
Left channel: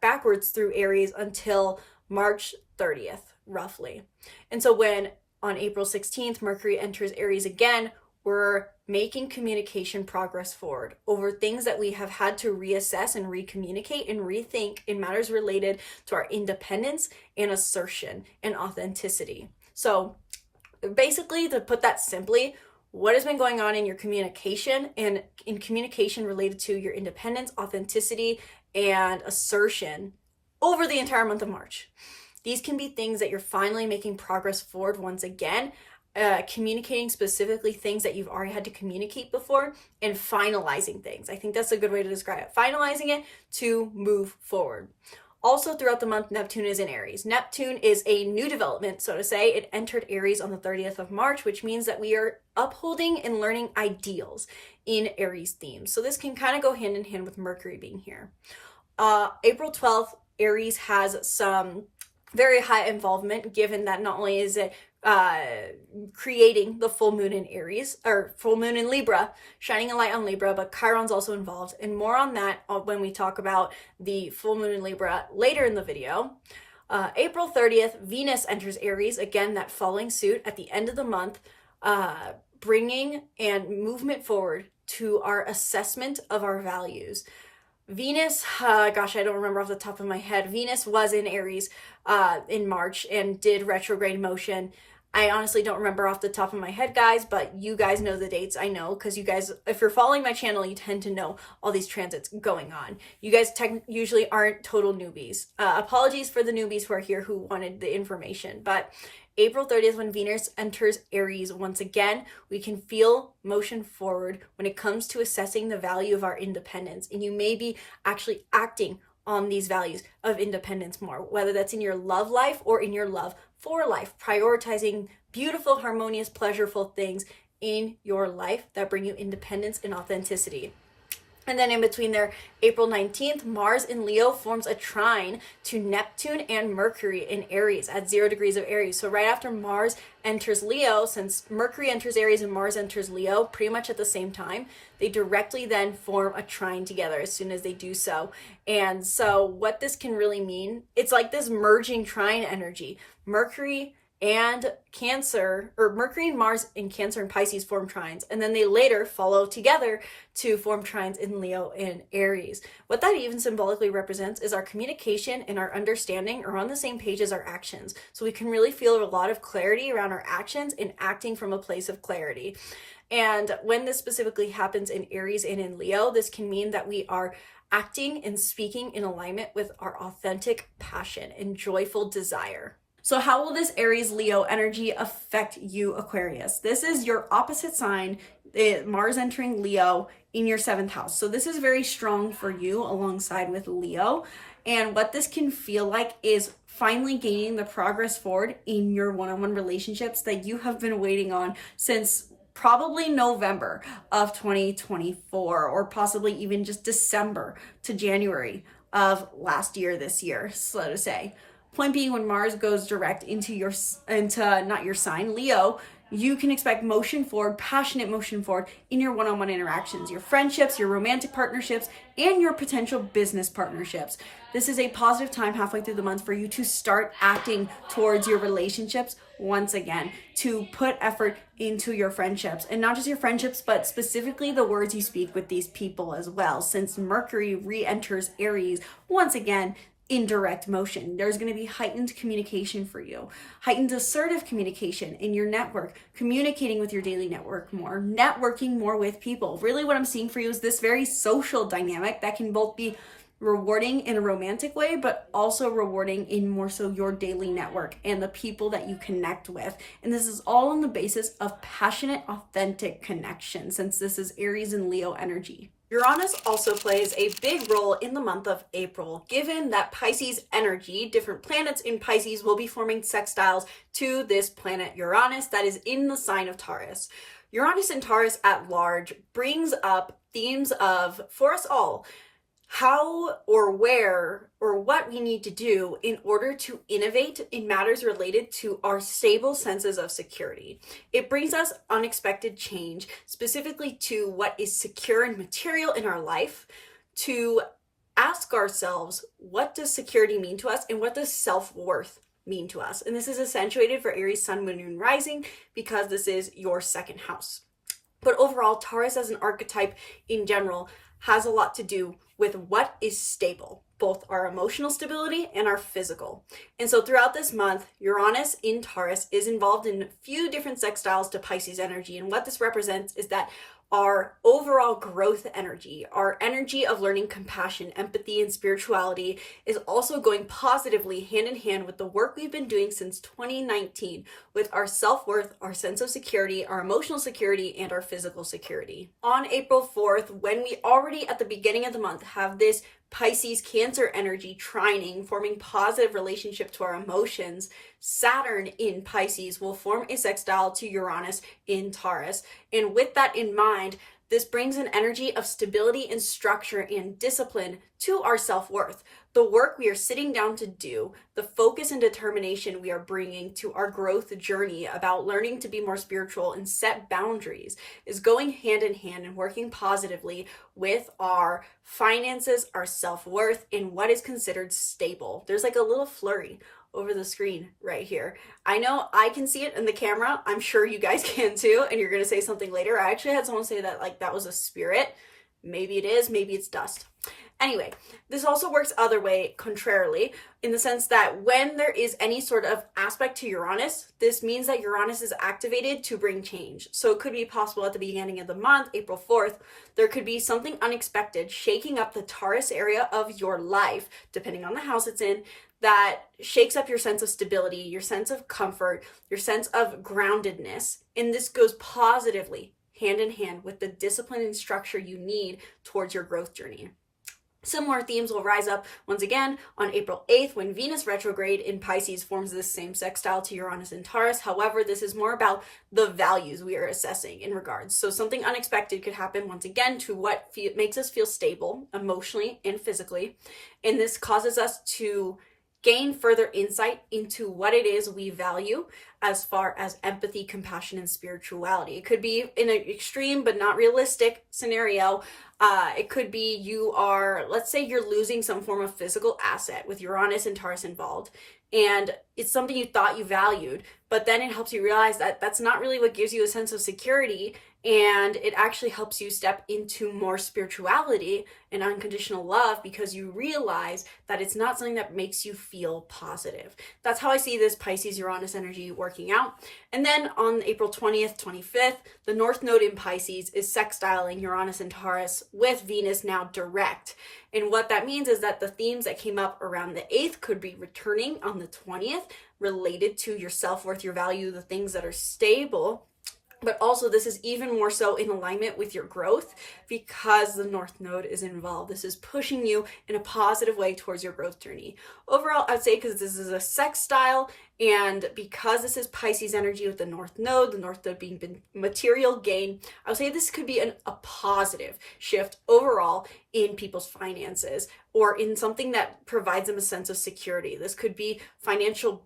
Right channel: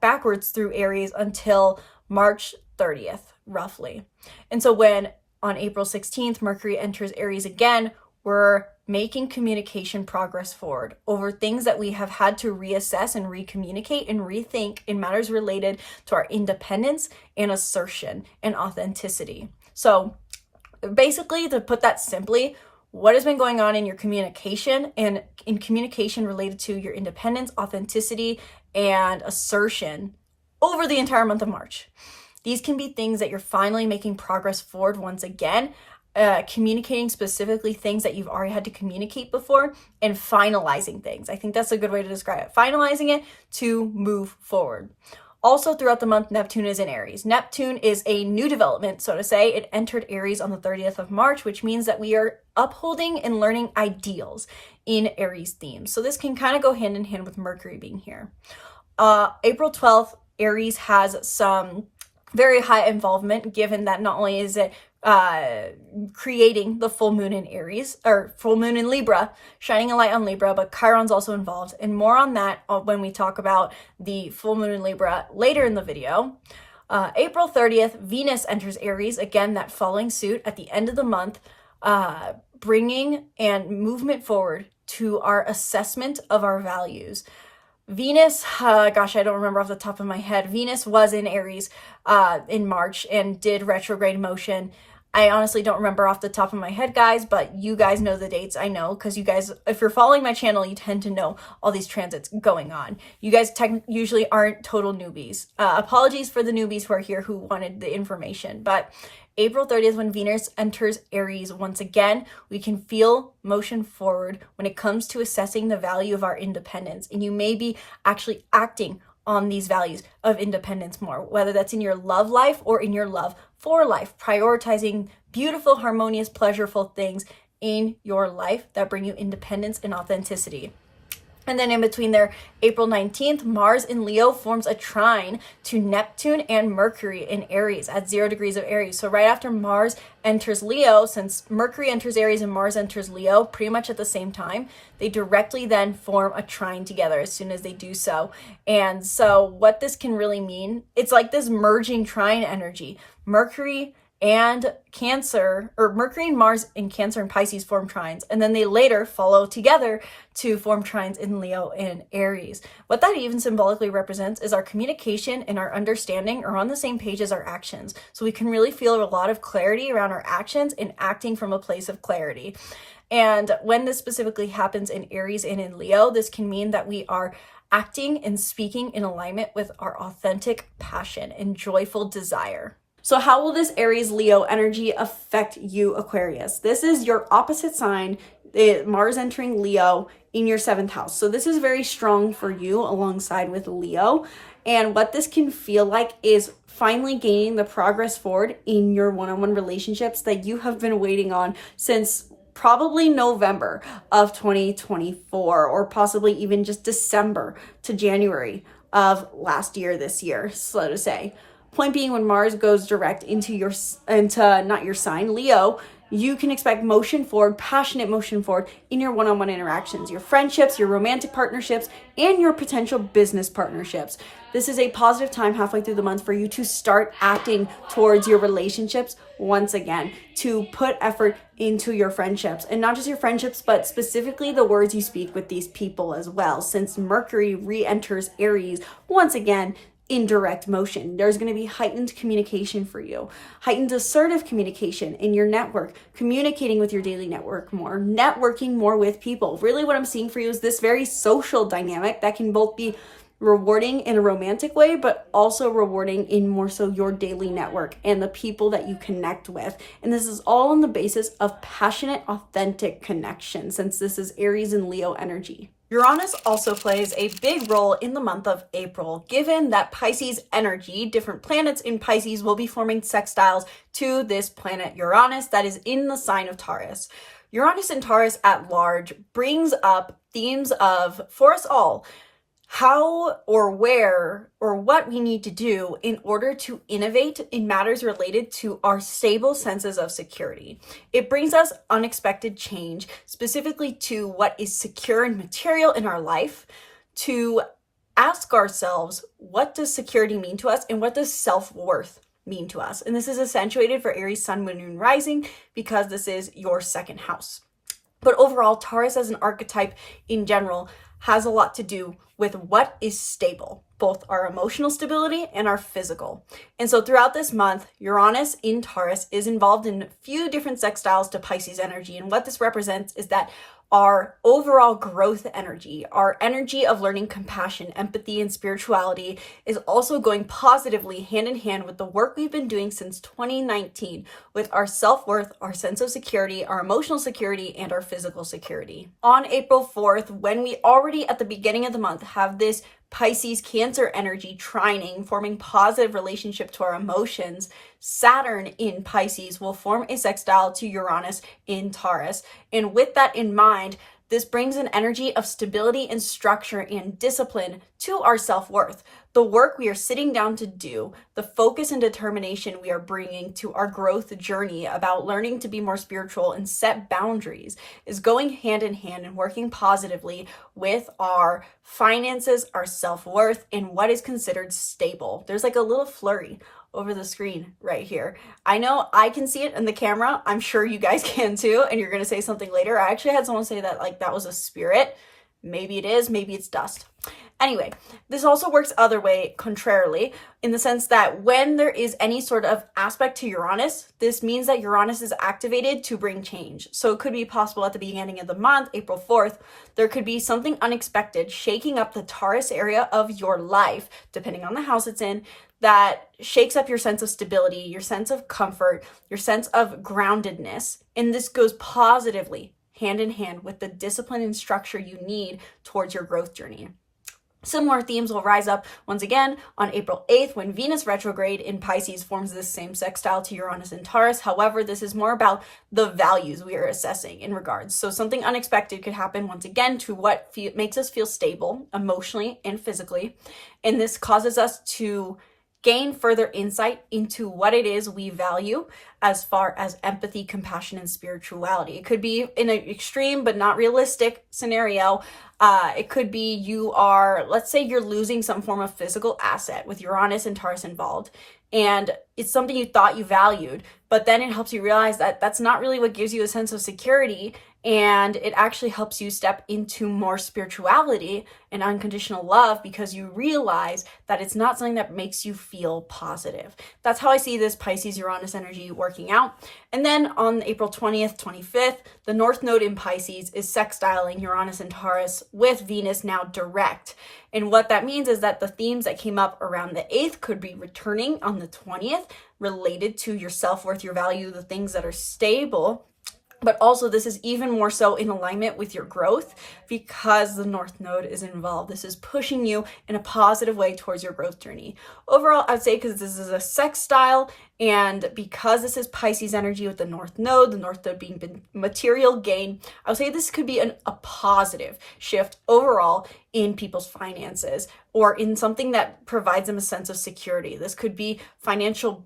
backwards through Aries until March 30th, roughly. And so when on April 16th, Mercury enters Aries again, we're making communication progress forward over things that we have had to reassess and recommunicate and rethink in matters related to our independence and assertion and authenticity. So basically, to put that simply, what has been going on in your communication and in communication related to your independence, authenticity, and assertion over the entire month of March. These can be things that you're finally making progress forward once again, communicating specifically things that you've already had to communicate before, and finalizing things. I think that's a good way to describe it. Finalizing it to move forward. Also throughout the month, Neptune is in Aries. Neptune is a new development, so to say. It entered Aries on the 30th of March, which means that we are upholding and learning ideals in Aries themes. So this can kind of go hand in hand with Mercury being here. April 12th, Aries has some very high involvement, given that not only is it creating the full moon in Aries, or full moon in Libra, shining a light on Libra, but Chiron's also involved. And more on that when we talk about the full moon in Libra later in the video. April 30th, Venus enters Aries, again, that following suit at the end of the month, bringing and movement forward to our assessment of our values. Venus, gosh, I don't remember off the top of my head. Venus was in Aries in March and did retrograde motion. I honestly don't remember off the top of my head, guys, but you guys know the dates. I know because you guys, if you're following my channel, you tend to know all these transits going on. You guys usually aren't total newbies. Apologies for the newbies who are here who wanted the information, but April 30th, when Venus enters Aries once again, we can feel motion forward when it comes to assessing the value of our independence. And you may be actually acting on these values of independence more, whether that's in your love life or in your love for life, prioritizing beautiful, harmonious, pleasureful things in your life that bring you independence and authenticity. And then in between there, April 19th, Mars in Leo forms a trine to Neptune and Mercury in Aries at 0 degrees of Aries. So right after Mars enters Leo, since Mercury enters Aries and Mars enters Leo pretty much at the same time, they directly then form a trine together as soon as they do so. And so what this can really mean, it's like this merging trine energy. Mercury, and Cancer, or Mercury and Mars in Cancer and Pisces form trines, and then they later follow together to form trines in Leo and Aries. What that even symbolically represents is our communication and our understanding are on the same page as our actions. So we can really feel a lot of clarity around our actions and acting from a place of clarity. And when this specifically happens in Aries and in Leo, this can mean that we are acting and speaking in alignment with our authentic passion and joyful desire. So how will this Aries Leo energy affect you, Aquarius? This is your opposite sign, Mars entering Leo in your 7th house. So this is very strong for you alongside with Leo. And what this can feel like is finally gaining the progress forward in your one-on-one relationships that you have been waiting on since probably November of 2024, or possibly even just December to January of last year, this year, so to say. Point being, when Mars goes direct into not your sign, Leo, you can expect motion forward, passionate motion forward in your one-on-one interactions, your friendships, your romantic partnerships, and your potential business partnerships. This is a positive time halfway through the month for you to start acting towards your relationships once again, to put effort into your friendships, and not just your friendships, but specifically the words you speak with these people as well. Since Mercury re-enters Aries once again, in direct motion, there's going to be heightened communication for you, heightened assertive communication in your network, communicating with your daily network more, networking more with people. Really what I'm seeing for you is this very social dynamic that can both be rewarding in a romantic way, but also rewarding in more so your daily network and the people that you connect with. And this is all on the basis of passionate, authentic connection, since this is Aries and Leo energy. Uranus also plays a big role in the month of April, given that Pisces energy, different planets in Pisces will be forming sextiles to this planet Uranus that is in the sign of Taurus. Uranus and Taurus at large brings up themes of, for us all, how or where or what we need to do in order to innovate in matters related to our stable senses of security. It brings us unexpected change, specifically to what is secure and material in our life, to ask ourselves, what does security mean to us and what does self-worth mean to us? And this is accentuated for Aries Sun, Moon, and Rising because this is your 2nd house. But overall, Taurus as an archetype in general has a lot to do with what is stable, both our emotional stability and our physical. And so throughout this month, Uranus in Taurus is involved in a few different sextiles to Pisces energy. And what this represents is that our overall growth energy, our energy of learning compassion, empathy, and spirituality is also going positively hand in hand with the work we've been doing since 2019 with our self-worth, our sense of security, our emotional security, and our physical security. On April 4th, when we already at the beginning of the month have this Pisces Cancer energy trining, forming positive relationship to our emotions, Saturn in Pisces will form a sextile to Uranus in Taurus. And with that in mind, this brings an energy of stability and structure and discipline to our self-worth. The work we are sitting down to do, the focus and determination we are bringing to our growth journey about learning to be more spiritual and set boundaries is going hand in hand and working positively with our finances, our self-worth, and what is considered stable. There's like a little flurry over the screen right here. I know I can see it in the camera. I'm sure you guys can too, and you're going to say something later. I actually had someone say that like that was a spirit. Maybe it is, maybe it's dust. Anyway, this also works other way, contrarily, in the sense that when there is any sort of aspect to Uranus, this means that Uranus is activated to bring change. So it could be possible at the beginning of the month, April 4th, there could be something unexpected shaking up the Taurus area of your life, depending on the house it's in, that shakes up your sense of stability, your sense of comfort, your sense of groundedness. And this goes positively hand in hand with the discipline and structure you need towards your growth journey. Similar themes will rise up once again on April 8th when Venus retrograde in Pisces forms this same sextile to Uranus and Taurus. However, this is more about the values we are assessing in regards. So something unexpected could happen once again to what makes us feel stable emotionally and physically. And this causes us to gain further insight into what it is we value as far as empathy, compassion, and spirituality. It could be in an extreme but not realistic scenario. It could be you are, let's say you're losing some form of physical asset with Uranus and Taurus involved, and it's something you thought you valued, But then it helps you realize that that's not really what gives you a sense of security, and it actually helps you step into more spirituality and unconditional love because you realize that it's not something that makes you feel positive. That's how I see this Pisces Uranus energy working out. And then on April 20th, 25th, the North Node in Pisces is sextiling Uranus and Taurus with Venus now direct. And what that means is that the themes that came up around the 8th could be returning on the 20th, related to your self-worth, your value, the things that are stable. But also this is even more so in alignment with your growth because the North Node is involved. This is pushing you in a positive way towards your growth journey. Overall, I'd say because this is a sextile and because this is Pisces energy with the North Node being material gain, I would say this could be a positive shift overall in people's finances or in something that provides them a sense of security. This could be financial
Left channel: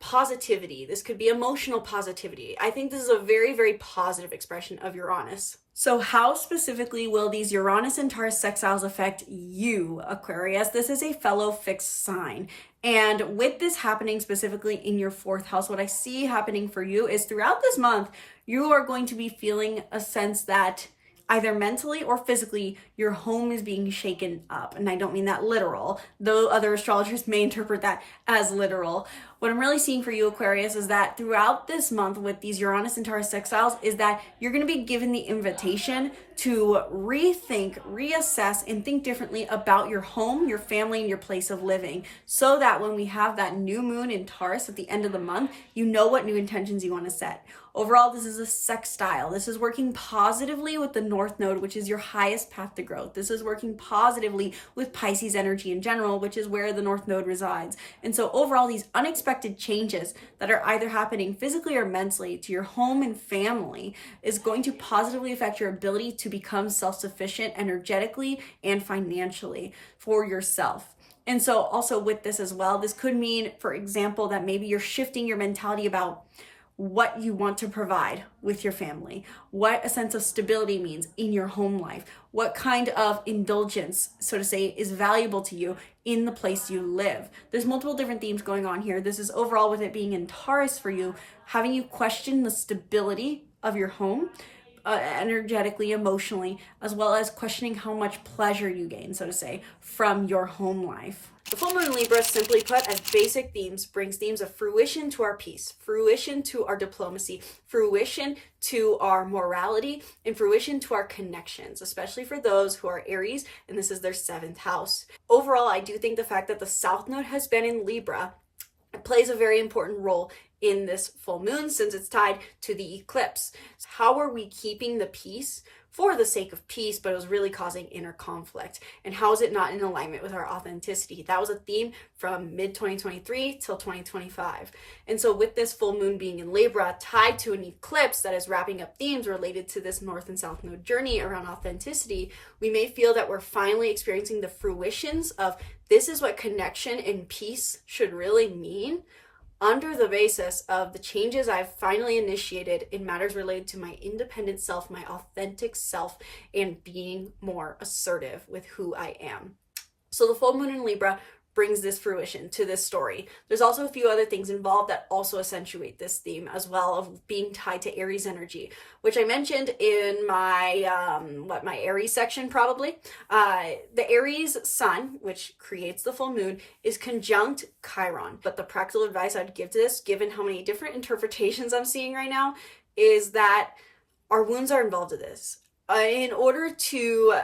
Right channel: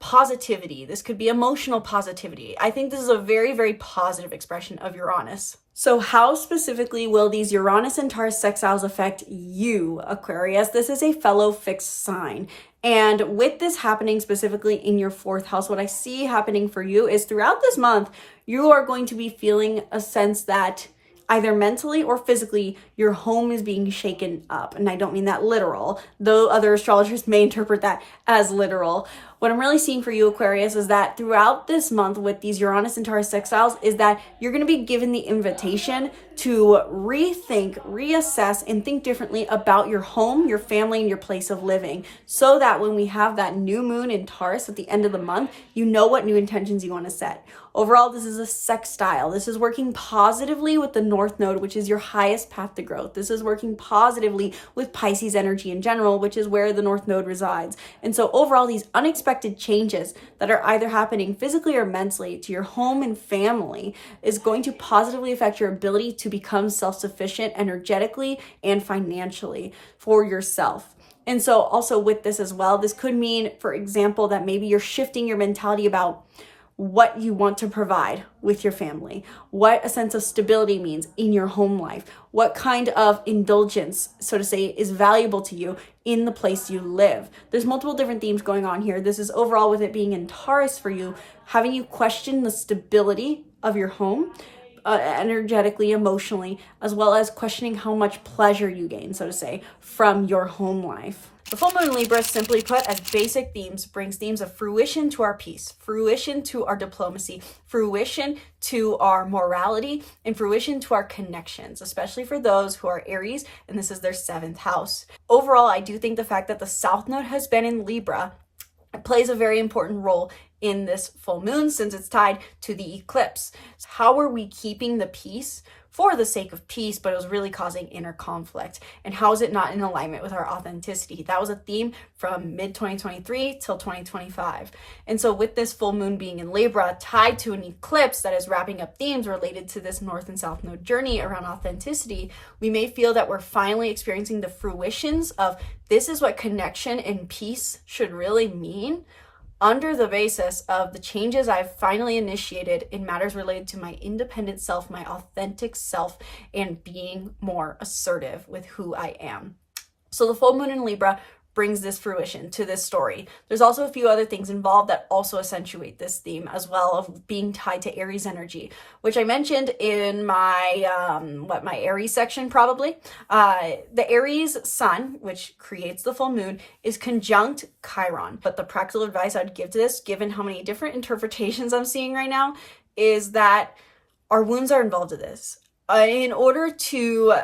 positivity. This could be emotional positivity. I think this is a very, very positive expression of Uranus. So how specifically will these Uranus and Taurus sextiles affect you, Aquarius? This is a fellow fixed sign. And with this happening specifically in your 4th house, what I see happening for you is throughout this month, you are going to be feeling a sense that either mentally or physically, your home is being shaken up. And I don't mean that literal, though other astrologers may interpret that as literal. What I'm really seeing for you, Aquarius, is that throughout this month with these Uranus and Taurus sextiles is that you're going to be given the invitation to rethink, reassess, and think differently about your home, your family, and your place of living, so that when we have that new moon in Taurus at the end of the month, you know what new intentions you want to set. Overall, this is a sextile. This is working positively with the North Node, which is your highest path to growth. This is working positively with Pisces energy in general, which is where the North Node resides. And so overall, these unexpected changes that are either happening physically or mentally to your home and family is going to positively affect your ability to become self-sufficient energetically and financially for yourself. And so also with this as well, this could mean, for example, that maybe you're shifting your mentality about what you want to provide with your family, what a sense of stability means in your home life, what kind of indulgence, so to say, is valuable to you in the place you live. There's multiple different themes going on here. This is overall, with it being in Taurus for you, having you question the stability of your home, energetically, emotionally, as well as questioning how much pleasure you gain, so to say, from your home life. The full moon in Libra, simply put, as basic themes, brings themes of fruition to our peace, fruition to our diplomacy, fruition to our morality, and fruition to our connections, especially for those who are Aries, and this is their 7th house. Overall, I do think the fact that the South Node has been in Libra plays a very important role in this full moon since it's tied to the eclipse. How are we keeping the peace for the sake of peace, but it was really causing inner conflict? And how is it not in alignment with our authenticity? That was a theme from mid-2023 till 2025. And so with this full moon being in Libra, tied to an eclipse that is wrapping up themes related to this North and South Node journey around authenticity, we may feel that we're finally experiencing the fruitions of this is what connection and peace should really mean, under the basis of the changes I've finally initiated in matters related to my independent self, my authentic self, and being more assertive with who I am. So the full moon in Libra brings this fruition to this story. There's also a few other things involved that also accentuate this theme as well, of being tied to Aries energy, which I mentioned in my my Aries section probably. The Aries sun, which creates the full moon, is conjunct Chiron. But the practical advice I'd give to this, given how many different interpretations I'm seeing right now, is that our wounds are involved in this. In order to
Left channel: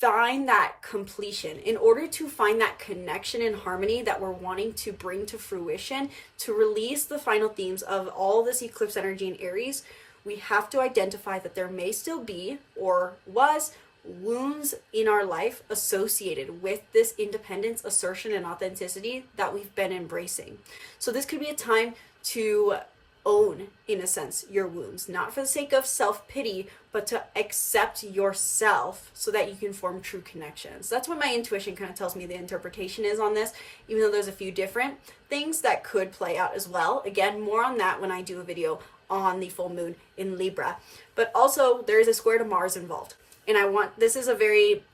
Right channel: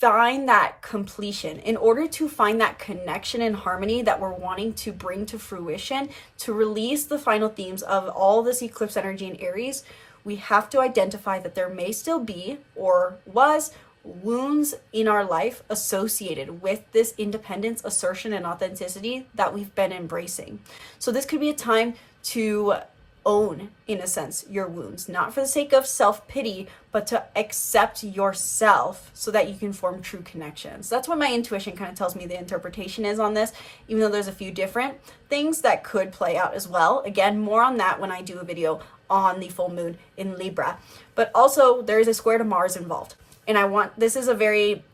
find that completion, in order to find that connection and harmony that we're wanting to bring to fruition, to release the final themes of all this eclipse energy in Aries, we have to identify that there may still be, or was, wounds in our life associated with this independence, assertion, and authenticity that we've been embracing. So this could be a time to own, in a sense, your wounds, not for the sake of self-pity, but to accept yourself so that you can form true connections. That's what my intuition kind of tells me the interpretation is on this, even though there's a few different things that could play out as well. Again, more on that when I do a video on the full moon in Libra. But also there is a square to Mars involved. And this is a very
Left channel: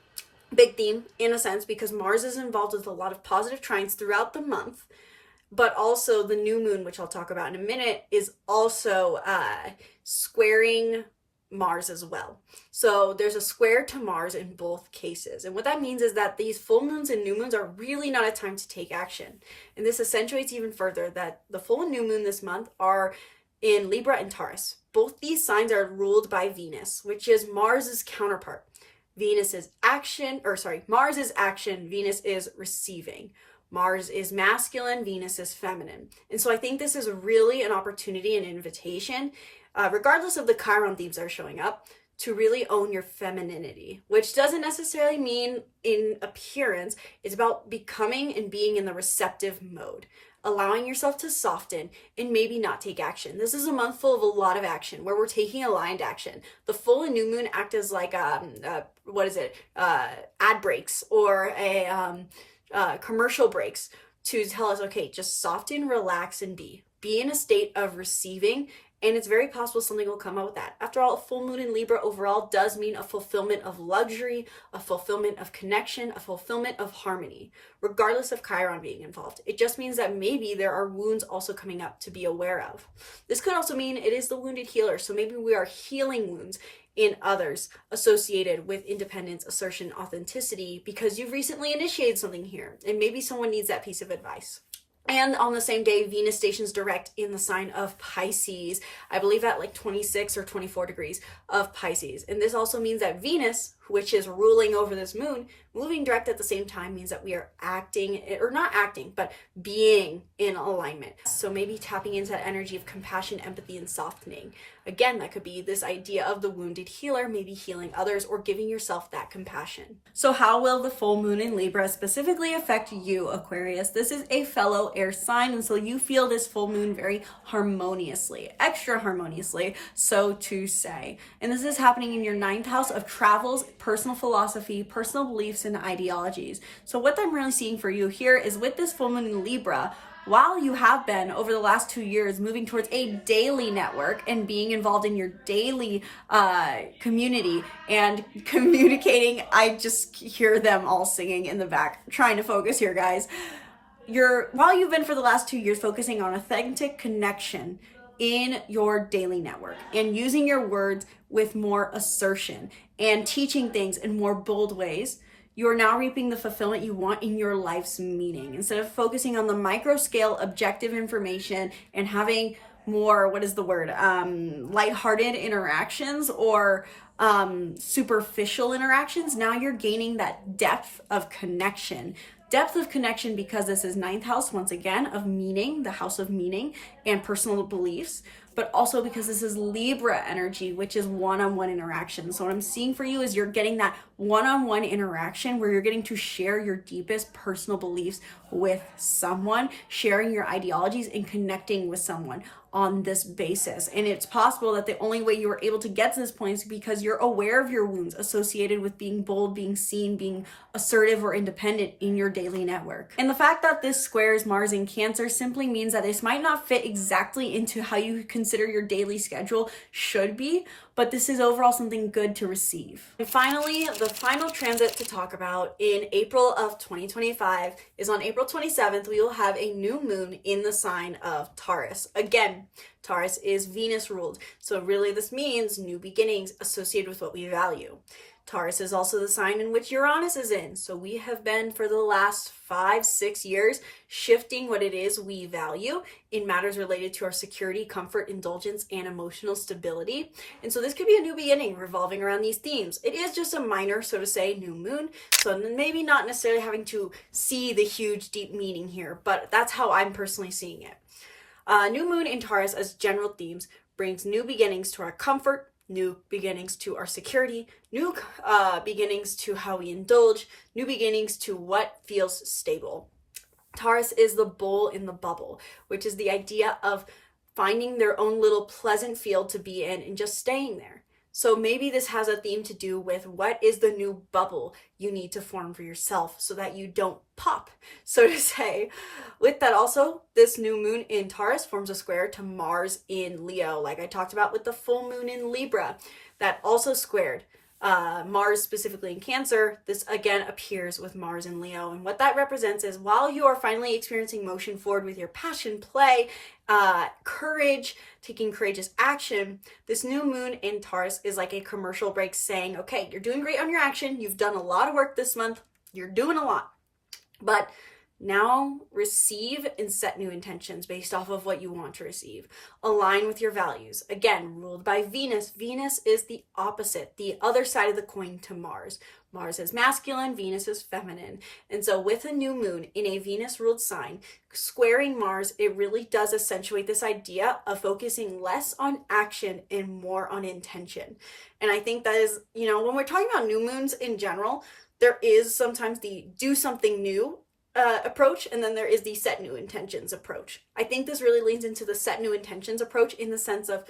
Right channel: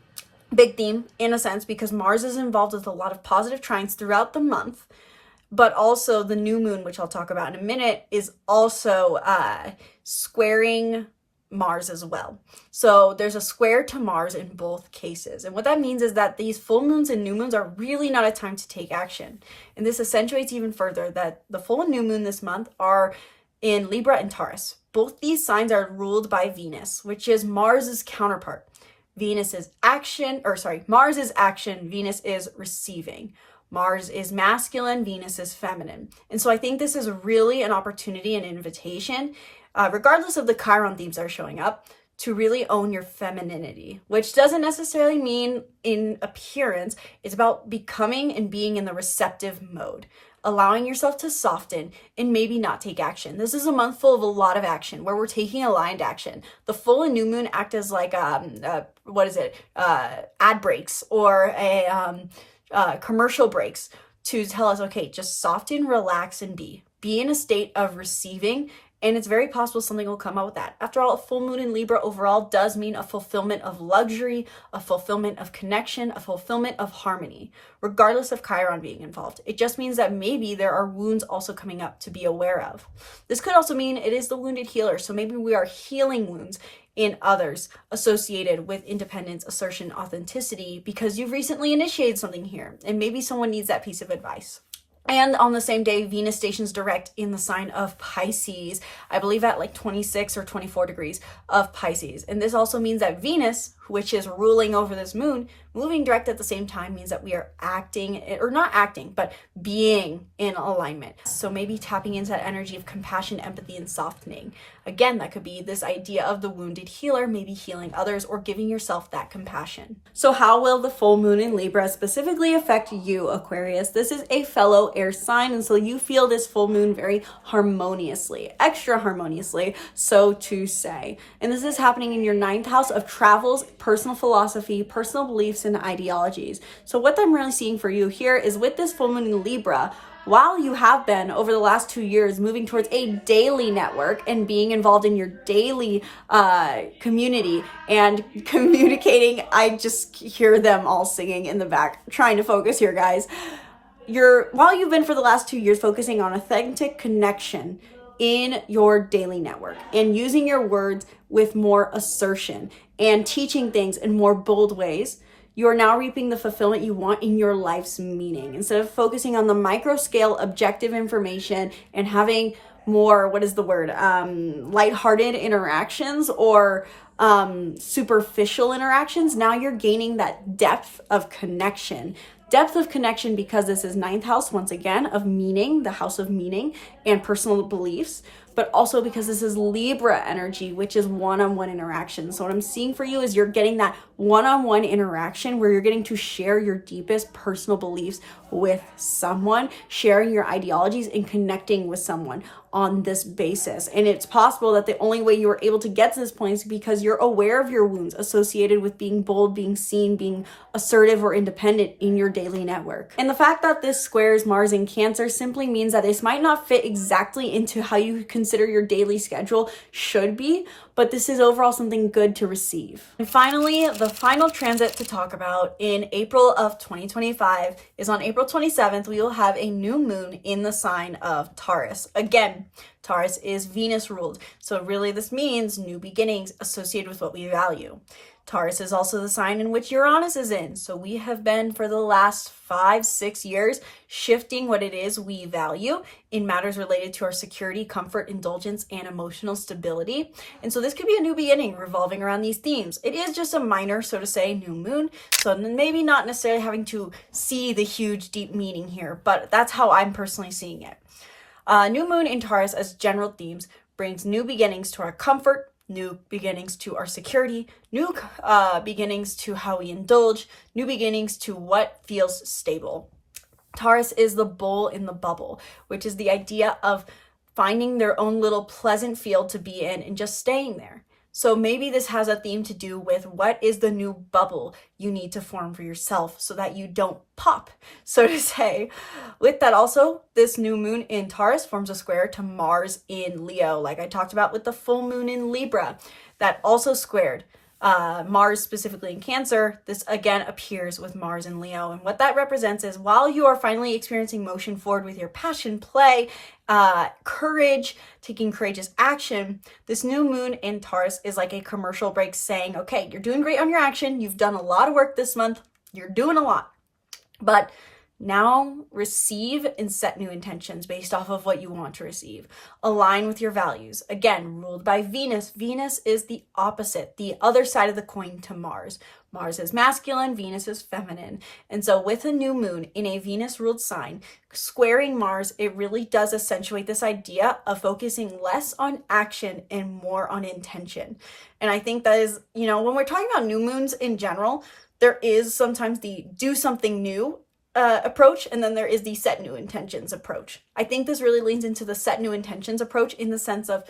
big theme in a sense because Mars is involved with a lot of positive trines throughout the month. but also the new moon, which I'll talk about in a minute, is also squaring Mars as well. So there's a square to Mars in both cases. And what that means is that these full moons and new moons are really not a time to take action. And this accentuates even further that the full and new moon this month are in Libra and Taurus. Both these signs are ruled by Venus, which is Mars's counterpart. Mars is action, Venus is receiving. Mars is masculine, Venus is feminine. And so I think this is really an opportunity, an invitation, regardless of the Chiron themes that are showing up, to really own your femininity, which doesn't necessarily mean in appearance. It's about becoming and being in the receptive mode, allowing yourself to soften and maybe not take action. This is a month full of a lot of action where we're taking aligned action. The full and new moon act as like, ad breaks or commercial breaks to tell us, okay, just soften, relax, and be in a state of receiving. And it's very possible something will come out with that. After all, a full moon in Libra overall does mean a fulfillment of luxury, a fulfillment of connection, a fulfillment of harmony, regardless of Chiron being involved. It just means that maybe there are wounds also coming up to be aware of. This could also mean it is the wounded healer. So maybe we are healing wounds in others associated with independence, assertion, authenticity, because you've recently initiated something here. And maybe someone needs that piece of advice. And on the same day, Venus stations direct in the sign of Pisces, I believe at like 26 or 24 degrees of Pisces. And this also means that Venus, which is ruling over this moon, moving direct at the same time means that we are acting, or not acting, but being in alignment. So maybe tapping into that energy of compassion, empathy, and softening. Again, that could be this idea of the wounded healer, maybe healing others or giving yourself that compassion. So how will the full moon in Libra specifically affect you, Aquarius? This is a fellow air sign, and so you feel this full moon very harmoniously, extra harmoniously, so to say. And this is happening in your 9th house of travels, personal philosophy, personal beliefs, and ideologies. So what I'm really seeing for you here is with this full moon in Libra, while you have been over the last 2 years moving towards a daily network and being involved in your daily community and communicating, I just hear them all singing in the back, trying to focus here, guys. While you've been for the last 2 years focusing on authentic connection in your daily network and using your words with more assertion and teaching things in more bold ways, you are now reaping the fulfillment you want in your life's meaning. Instead of focusing on the micro scale objective information and having more, lighthearted interactions or superficial interactions, now you're gaining that depth of connection. Depth of connection because this is 9th house, once again, of meaning, the house of meaning and personal beliefs, but also because this is Libra energy, which is one-on-one interaction. So what I'm seeing for you is you're getting that one-on-one interaction where you're getting to share your deepest personal beliefs with someone, sharing your ideologies and connecting with someone on this basis. And it's possible that the only way you were able to get to this point is because you're aware of your wounds associated with being bold, being seen, being assertive or independent in your daily network. And the fact that this squares Mars in Cancer simply means that this might not fit exactly into how you consider your daily schedule should be, but this is overall something good to receive. And finally, the final transit to talk about in April of 2025 is on April 27th, we will have a new moon in the sign of Taurus. Again, Taurus is Venus ruled. So really this means new beginnings associated with what we value. Taurus is also the sign in which Uranus is in. So we have been for the last 5-6 years shifting what it is we value in matters related to our security, comfort, indulgence, and emotional stability. And so this could be a new beginning revolving around these themes. It is just a minor, so to say, new moon. So maybe not necessarily having to see the huge, deep meaning here, but that's how I'm personally seeing it. New moon in Taurus as general themes brings new beginnings to our comfort, new beginnings to our security, new beginnings to how we indulge, new beginnings to what feels stable. Taurus is the bull in the bubble, which is the idea of finding their own little pleasant field to be in and just staying there. So maybe this has a theme to do with what is the new bubble you need to form for yourself so that you don't pop, so to say. With that also, this new moon in Taurus forms a square to Mars in Leo, like I talked about with the full moon in Libra, that also squared Mars specifically in Cancer, this again appears with Mars in Leo. And what that represents is while you are finally experiencing motion forward with your passion, play, courage, taking courageous action, this new moon in Taurus is like a commercial break saying, okay, you're doing great on your action. You've done a lot of work this month. You're doing a lot. But now receive and set new intentions based off of what you want to receive. Align with your values. Again, ruled by Venus. Venus is the opposite, the other side of the coin to Mars. Mars is masculine, Venus is feminine. And so with a new moon in a Venus-ruled sign, squaring Mars, it really does accentuate this idea of focusing less on action and more on intention. And I think that is, when we're talking about new moons in general, there is sometimes the do something new approach, and then there is the set new intentions approach. I think this really leans into the set new intentions approach in the sense of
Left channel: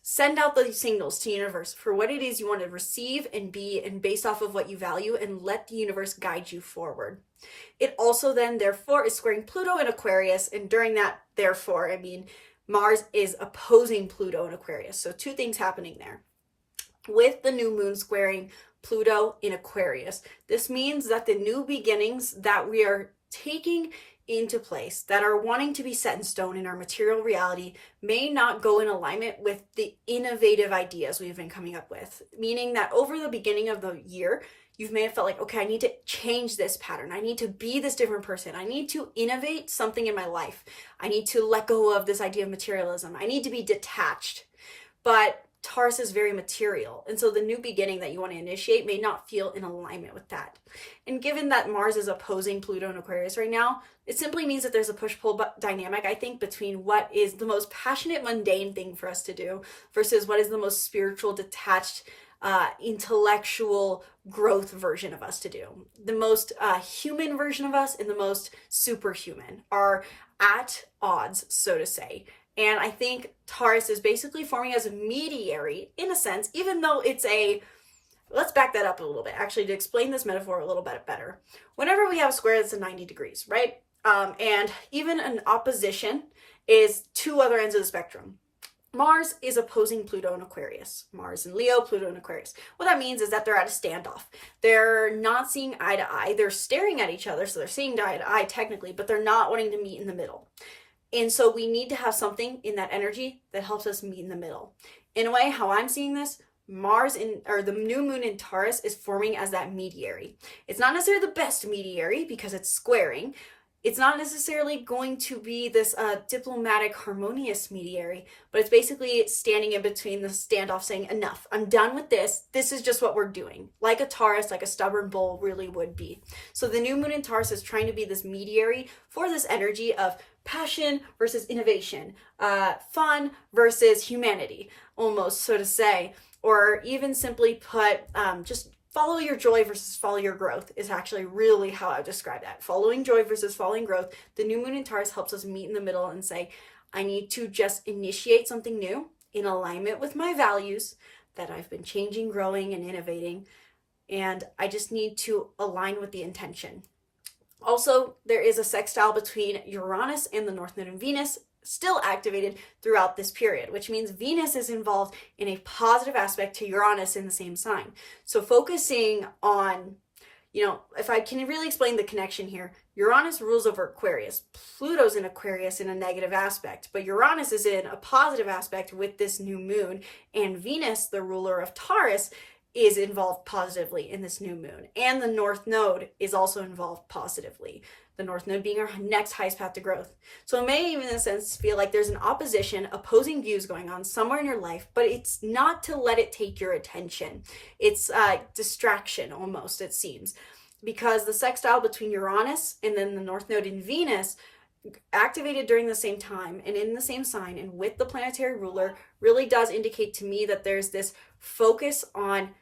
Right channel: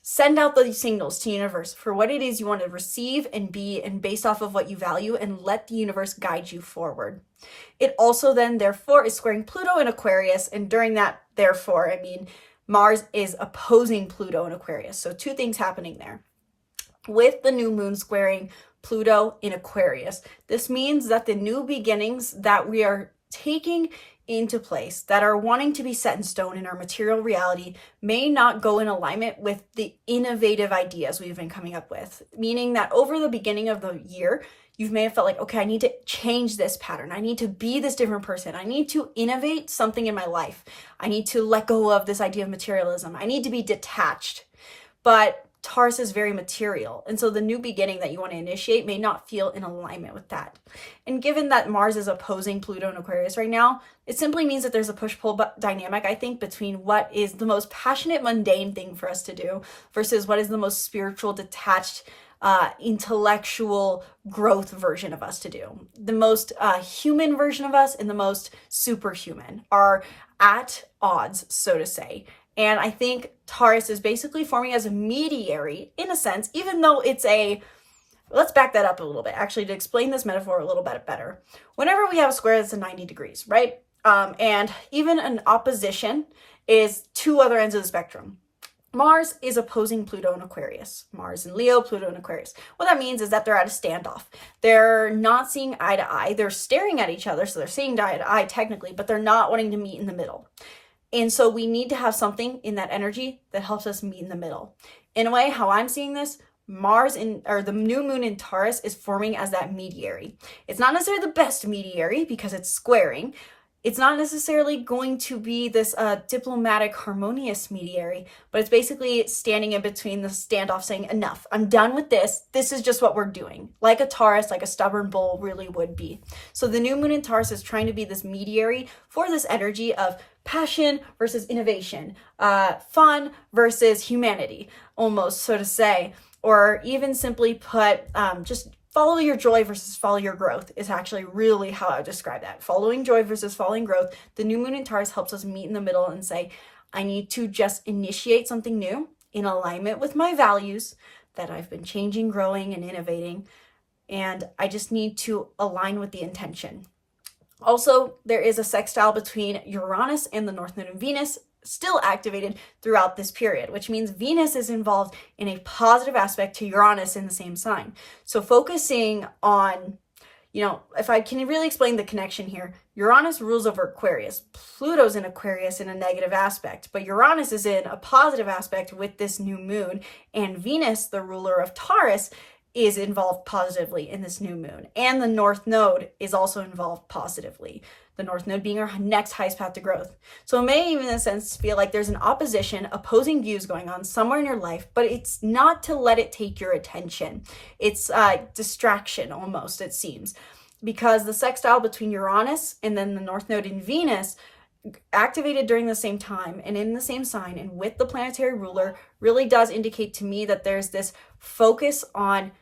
send out the signals to universe for what it is you want to receive and be, and based off of what you value, and let the universe guide you forward. It also then therefore is squaring Pluto in Aquarius, and during that therefore, I mean Mars is opposing Pluto in Aquarius. So two things happening there. With the new moon squaring Pluto in Aquarius, this means that the new beginnings that we are taking into place, that are wanting to be set in stone in our material reality, may not go in alignment with the innovative ideas we've been coming up with. Meaning that over the beginning of the year, you may have felt like, okay, I need to change this pattern. I need to be this different person. I need to innovate something in my life. I need to let go of this idea of materialism. I need to be detached. But Taurus is very material. And so the new beginning that you want to initiate may not feel in alignment with that. And given that Mars is opposing Pluto in Aquarius right now, it simply means that there's a push-pull dynamic, I think, between what is the most passionate, mundane thing for us to do versus what is the most spiritual, detached, intellectual growth version of us to do. The most human version of us and the most superhuman are at odds, so to say. And I think Taurus is basically forming as a mediary in a sense, even though it's let's back that up a little bit, actually, to explain this metaphor a little bit better. Whenever we have a square that's 90 degrees, right? And even an opposition is two other ends of the spectrum. Mars is opposing Pluto in Aquarius. Mars in Leo, Pluto in Aquarius. What that means is that they're at a standoff. They're not seeing eye to eye. They're staring at each other, so they're seeing eye to eye technically, but they're not wanting to meet in the middle. And so we need to have something in that energy that helps us meet in the middle. In a way, how I'm seeing this, the new moon in Taurus is forming as that mediary. It's not necessarily the best mediary because it's squaring. It's not necessarily going to be this diplomatic, harmonious mediary, but it's basically standing in between the standoff saying, enough, I'm done with this. This is just what we're doing. Like a Taurus, like a stubborn bull really would be. So the new moon in Taurus is trying to be this mediary for this energy of passion versus innovation, fun versus humanity, almost, so to say, or even simply put, just follow your joy versus follow your growth is actually really how I would describe that. Following joy versus following growth. The new moon in Taurus helps us meet in the middle and say, I need to just initiate something new in alignment with my values that I've been changing, growing, and innovating. And I just need to align with the intention. Also, there is a sextile between Uranus and the North Node in Venus, still activated throughout this period, which means Venus is involved in a positive aspect to Uranus in the same sign. So focusing on, if I can really explain the connection here, Uranus rules over Aquarius. Pluto's in Aquarius in a negative aspect, but Uranus is in a positive aspect with this new moon, and Venus, the ruler of Taurus, is involved positively in this new moon. And the North Node is also involved positively. The North Node being our next highest path to growth. So it may even in a sense feel like there's an opposition, opposing views going on somewhere in your life, but it's not to let it take your attention. It's distraction almost, it seems. Because the sextile between Uranus and then the North Node in Venus activated during the same time and in the same sign and with the planetary ruler really does indicate to me that there's this focus on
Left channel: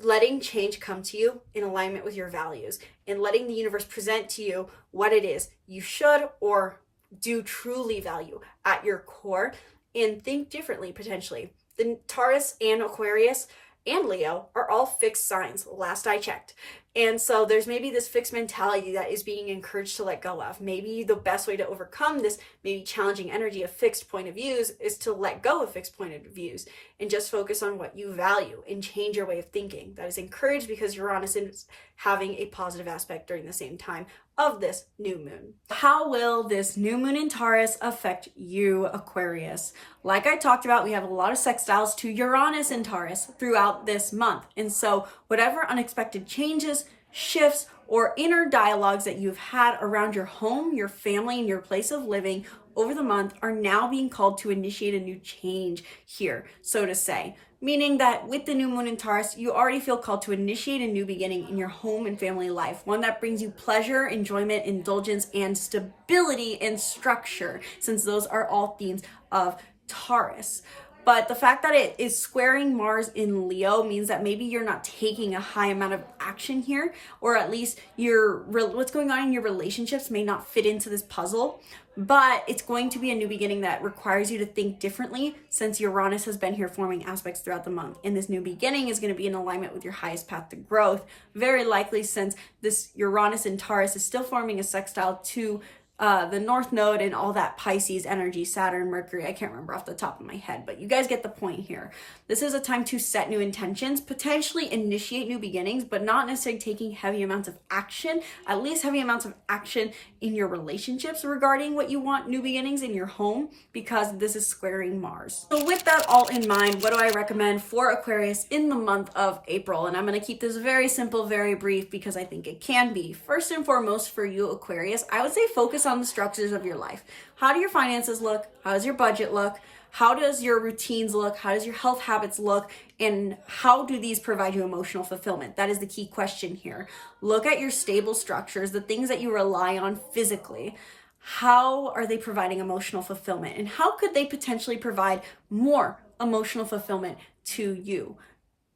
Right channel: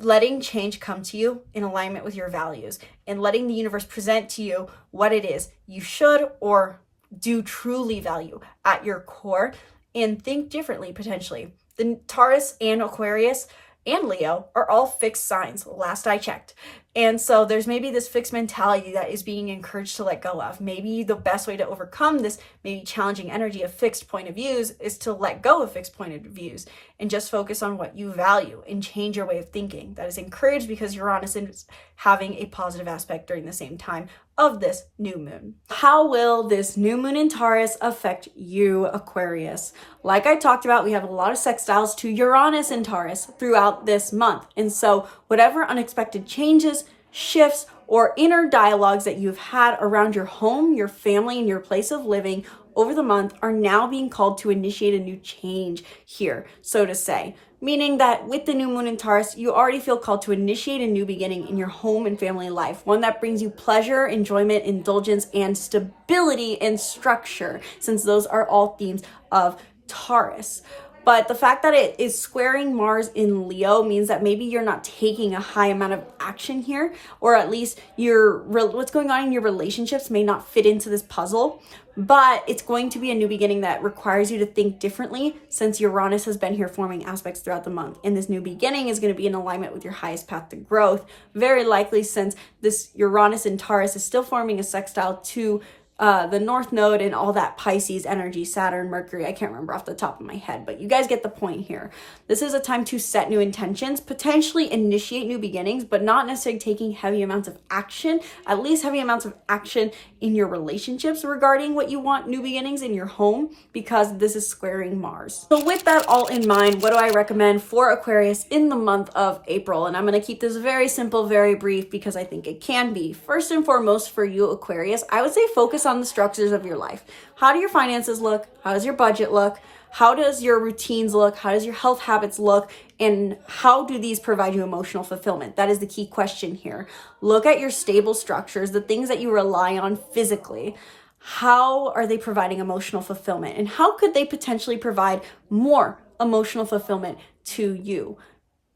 letting change come to you in alignment with your values and letting the universe present to you what it is you should or do truly value at your core and think differently potentially. The Taurus and Aquarius and Leo are all fixed signs, last I checked. And so there's maybe this fixed mentality that is being encouraged to let go of. Maybe the best way to overcome this maybe challenging energy of fixed point of views is to let go of fixed point of views and just focus on what you value and change your way of thinking. That is encouraged because Uranus is having a positive aspect during the same time of this new moon. How will this new moon in Taurus affect you, Aquarius? Like I talked about, we have a lot of sextiles to Uranus in Taurus throughout this month. And so whatever unexpected changes, shifts, or inner dialogues that you've had around your home, your family, and your place of living over the month are now being called to initiate a new change here, so to say. Meaning that with the new moon in Taurus, you already feel called to initiate a new beginning in your home and family life, one that brings you pleasure, enjoyment, indulgence, and stability and structure, since those are all themes of Taurus. But the fact that it is squaring Mars in Leo means that maybe you're not taking a high amount of action here, or at least what's going on in your relationships may not fit into this puzzle. But it's going to be a new beginning that requires you to think differently, since Uranus has been here forming aspects throughout the month. And this new beginning is going to be in alignment with your highest path to growth, very likely, since this Uranus in Taurus is still forming a sextile to the North Node and all that Pisces energy, Saturn, Mercury. I can't remember off the top of my head, but you guys get the point here. This is a time to set new intentions, potentially initiate new beginnings, but not necessarily taking heavy amounts of action, at least heavy amounts of action in your relationships regarding what you want new beginnings in your home, because this is squaring Mars. So with that all in mind, what do I recommend for Aquarius in the month of April? And I'm going to keep this very simple, very brief, because I think it can be. First and foremost for you, Aquarius, I would say focus on the structures of your life. How do your finances look? How does your budget look? How does your routines look? How does your health habits look? And how do these provide you emotional fulfillment? That is the key question here. Look at your stable structures, the things that you rely on physically. How are they providing emotional fulfillment? And how could they potentially provide more emotional fulfillment to you?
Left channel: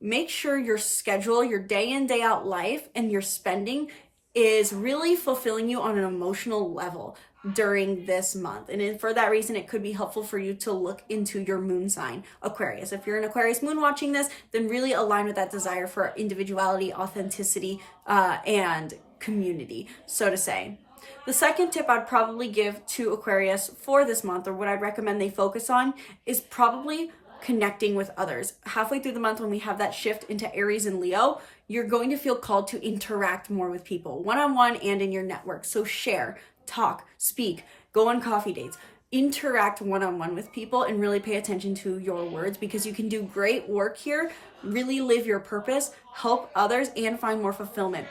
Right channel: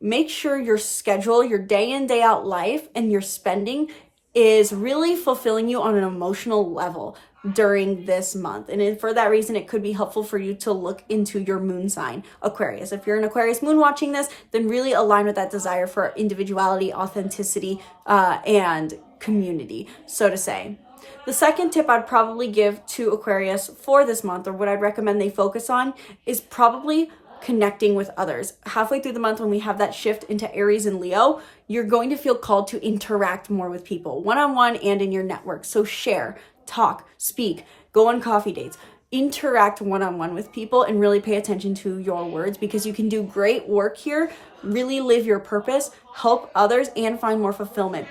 Make sure your schedule, your day in, day out life, and your spending is really fulfilling you on an emotional level during this month. And for that reason, it could be helpful for you to look into your moon sign, Aquarius. If you're an Aquarius moon watching this, then really align with that desire for individuality, authenticity, and community, so to say. The second tip I'd probably give to Aquarius for this month, or what I'd recommend they focus on, is probably connecting with others. Halfway through the month, when we have that shift into Aries and Leo, you're going to feel called to interact more with people, one-on-one and in your network. So share, talk, speak, go on coffee dates, interact one-on-one with people, and really pay attention to your words, because you can do great work here, really live your purpose, help others, and find more fulfillment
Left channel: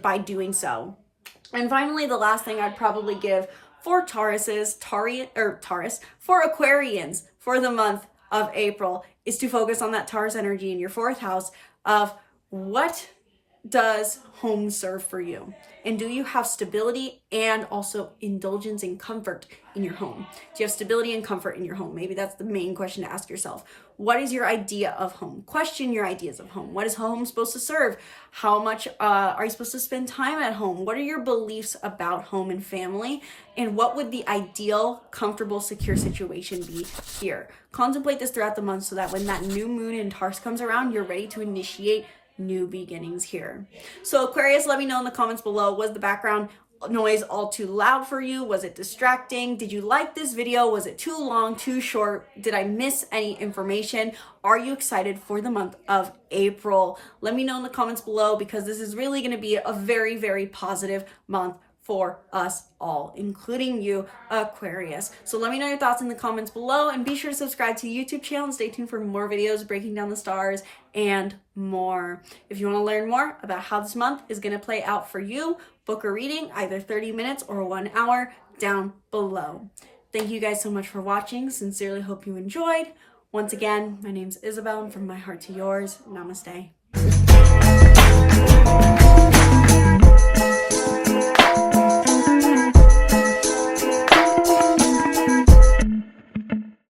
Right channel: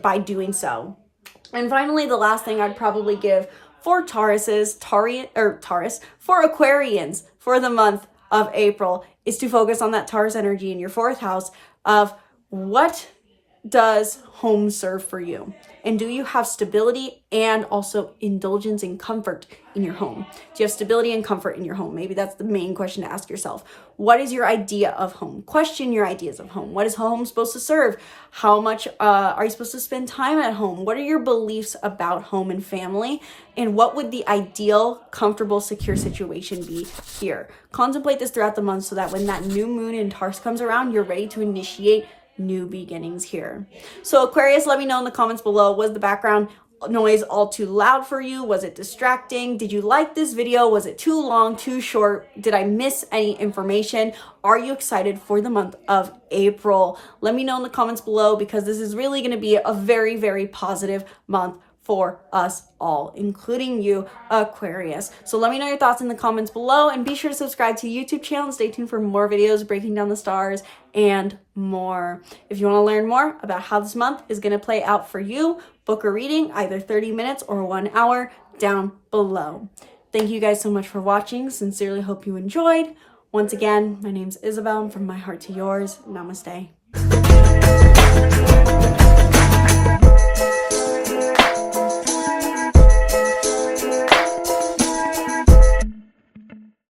by doing so. And finally, the last thing I'd probably give for for Aquarians for the month of April is to focus on that Taurus energy in your fourth house of what does home serve for you? And do you have stability and also indulgence and comfort in your home? Do you have stability and comfort in your home? Maybe that's the main question to ask yourself. What is your idea of home? Question your ideas of home. What is home supposed to serve? How much are you supposed to spend time at home? What are your beliefs about home and family? And what would the ideal, comfortable, secure situation be here? Contemplate this throughout the month so that when that new moon in Taurus comes around, you're ready to initiate new beginnings here. So Aquarius, let me know in the comments below, was the background noise all too loud for you? Was it distracting? Did you like this video? Was it too long, too short? Did I miss any information? Are you excited for the month of April? Let me know in the comments below, because this is really going to be a very, very positive month for us all, including you, Aquarius. So let me know your thoughts in the comments below, and be sure to subscribe to the YouTube channel and stay tuned for more videos breaking down the stars and more. If you want to learn more about how this month is going to play out for you, book a reading, either 30 minutes or 1 hour, down below. Thank you guys so much for watching. Sincerely hope you enjoyed. Once again, my name's Isabelle, and from my heart to yours, namaste.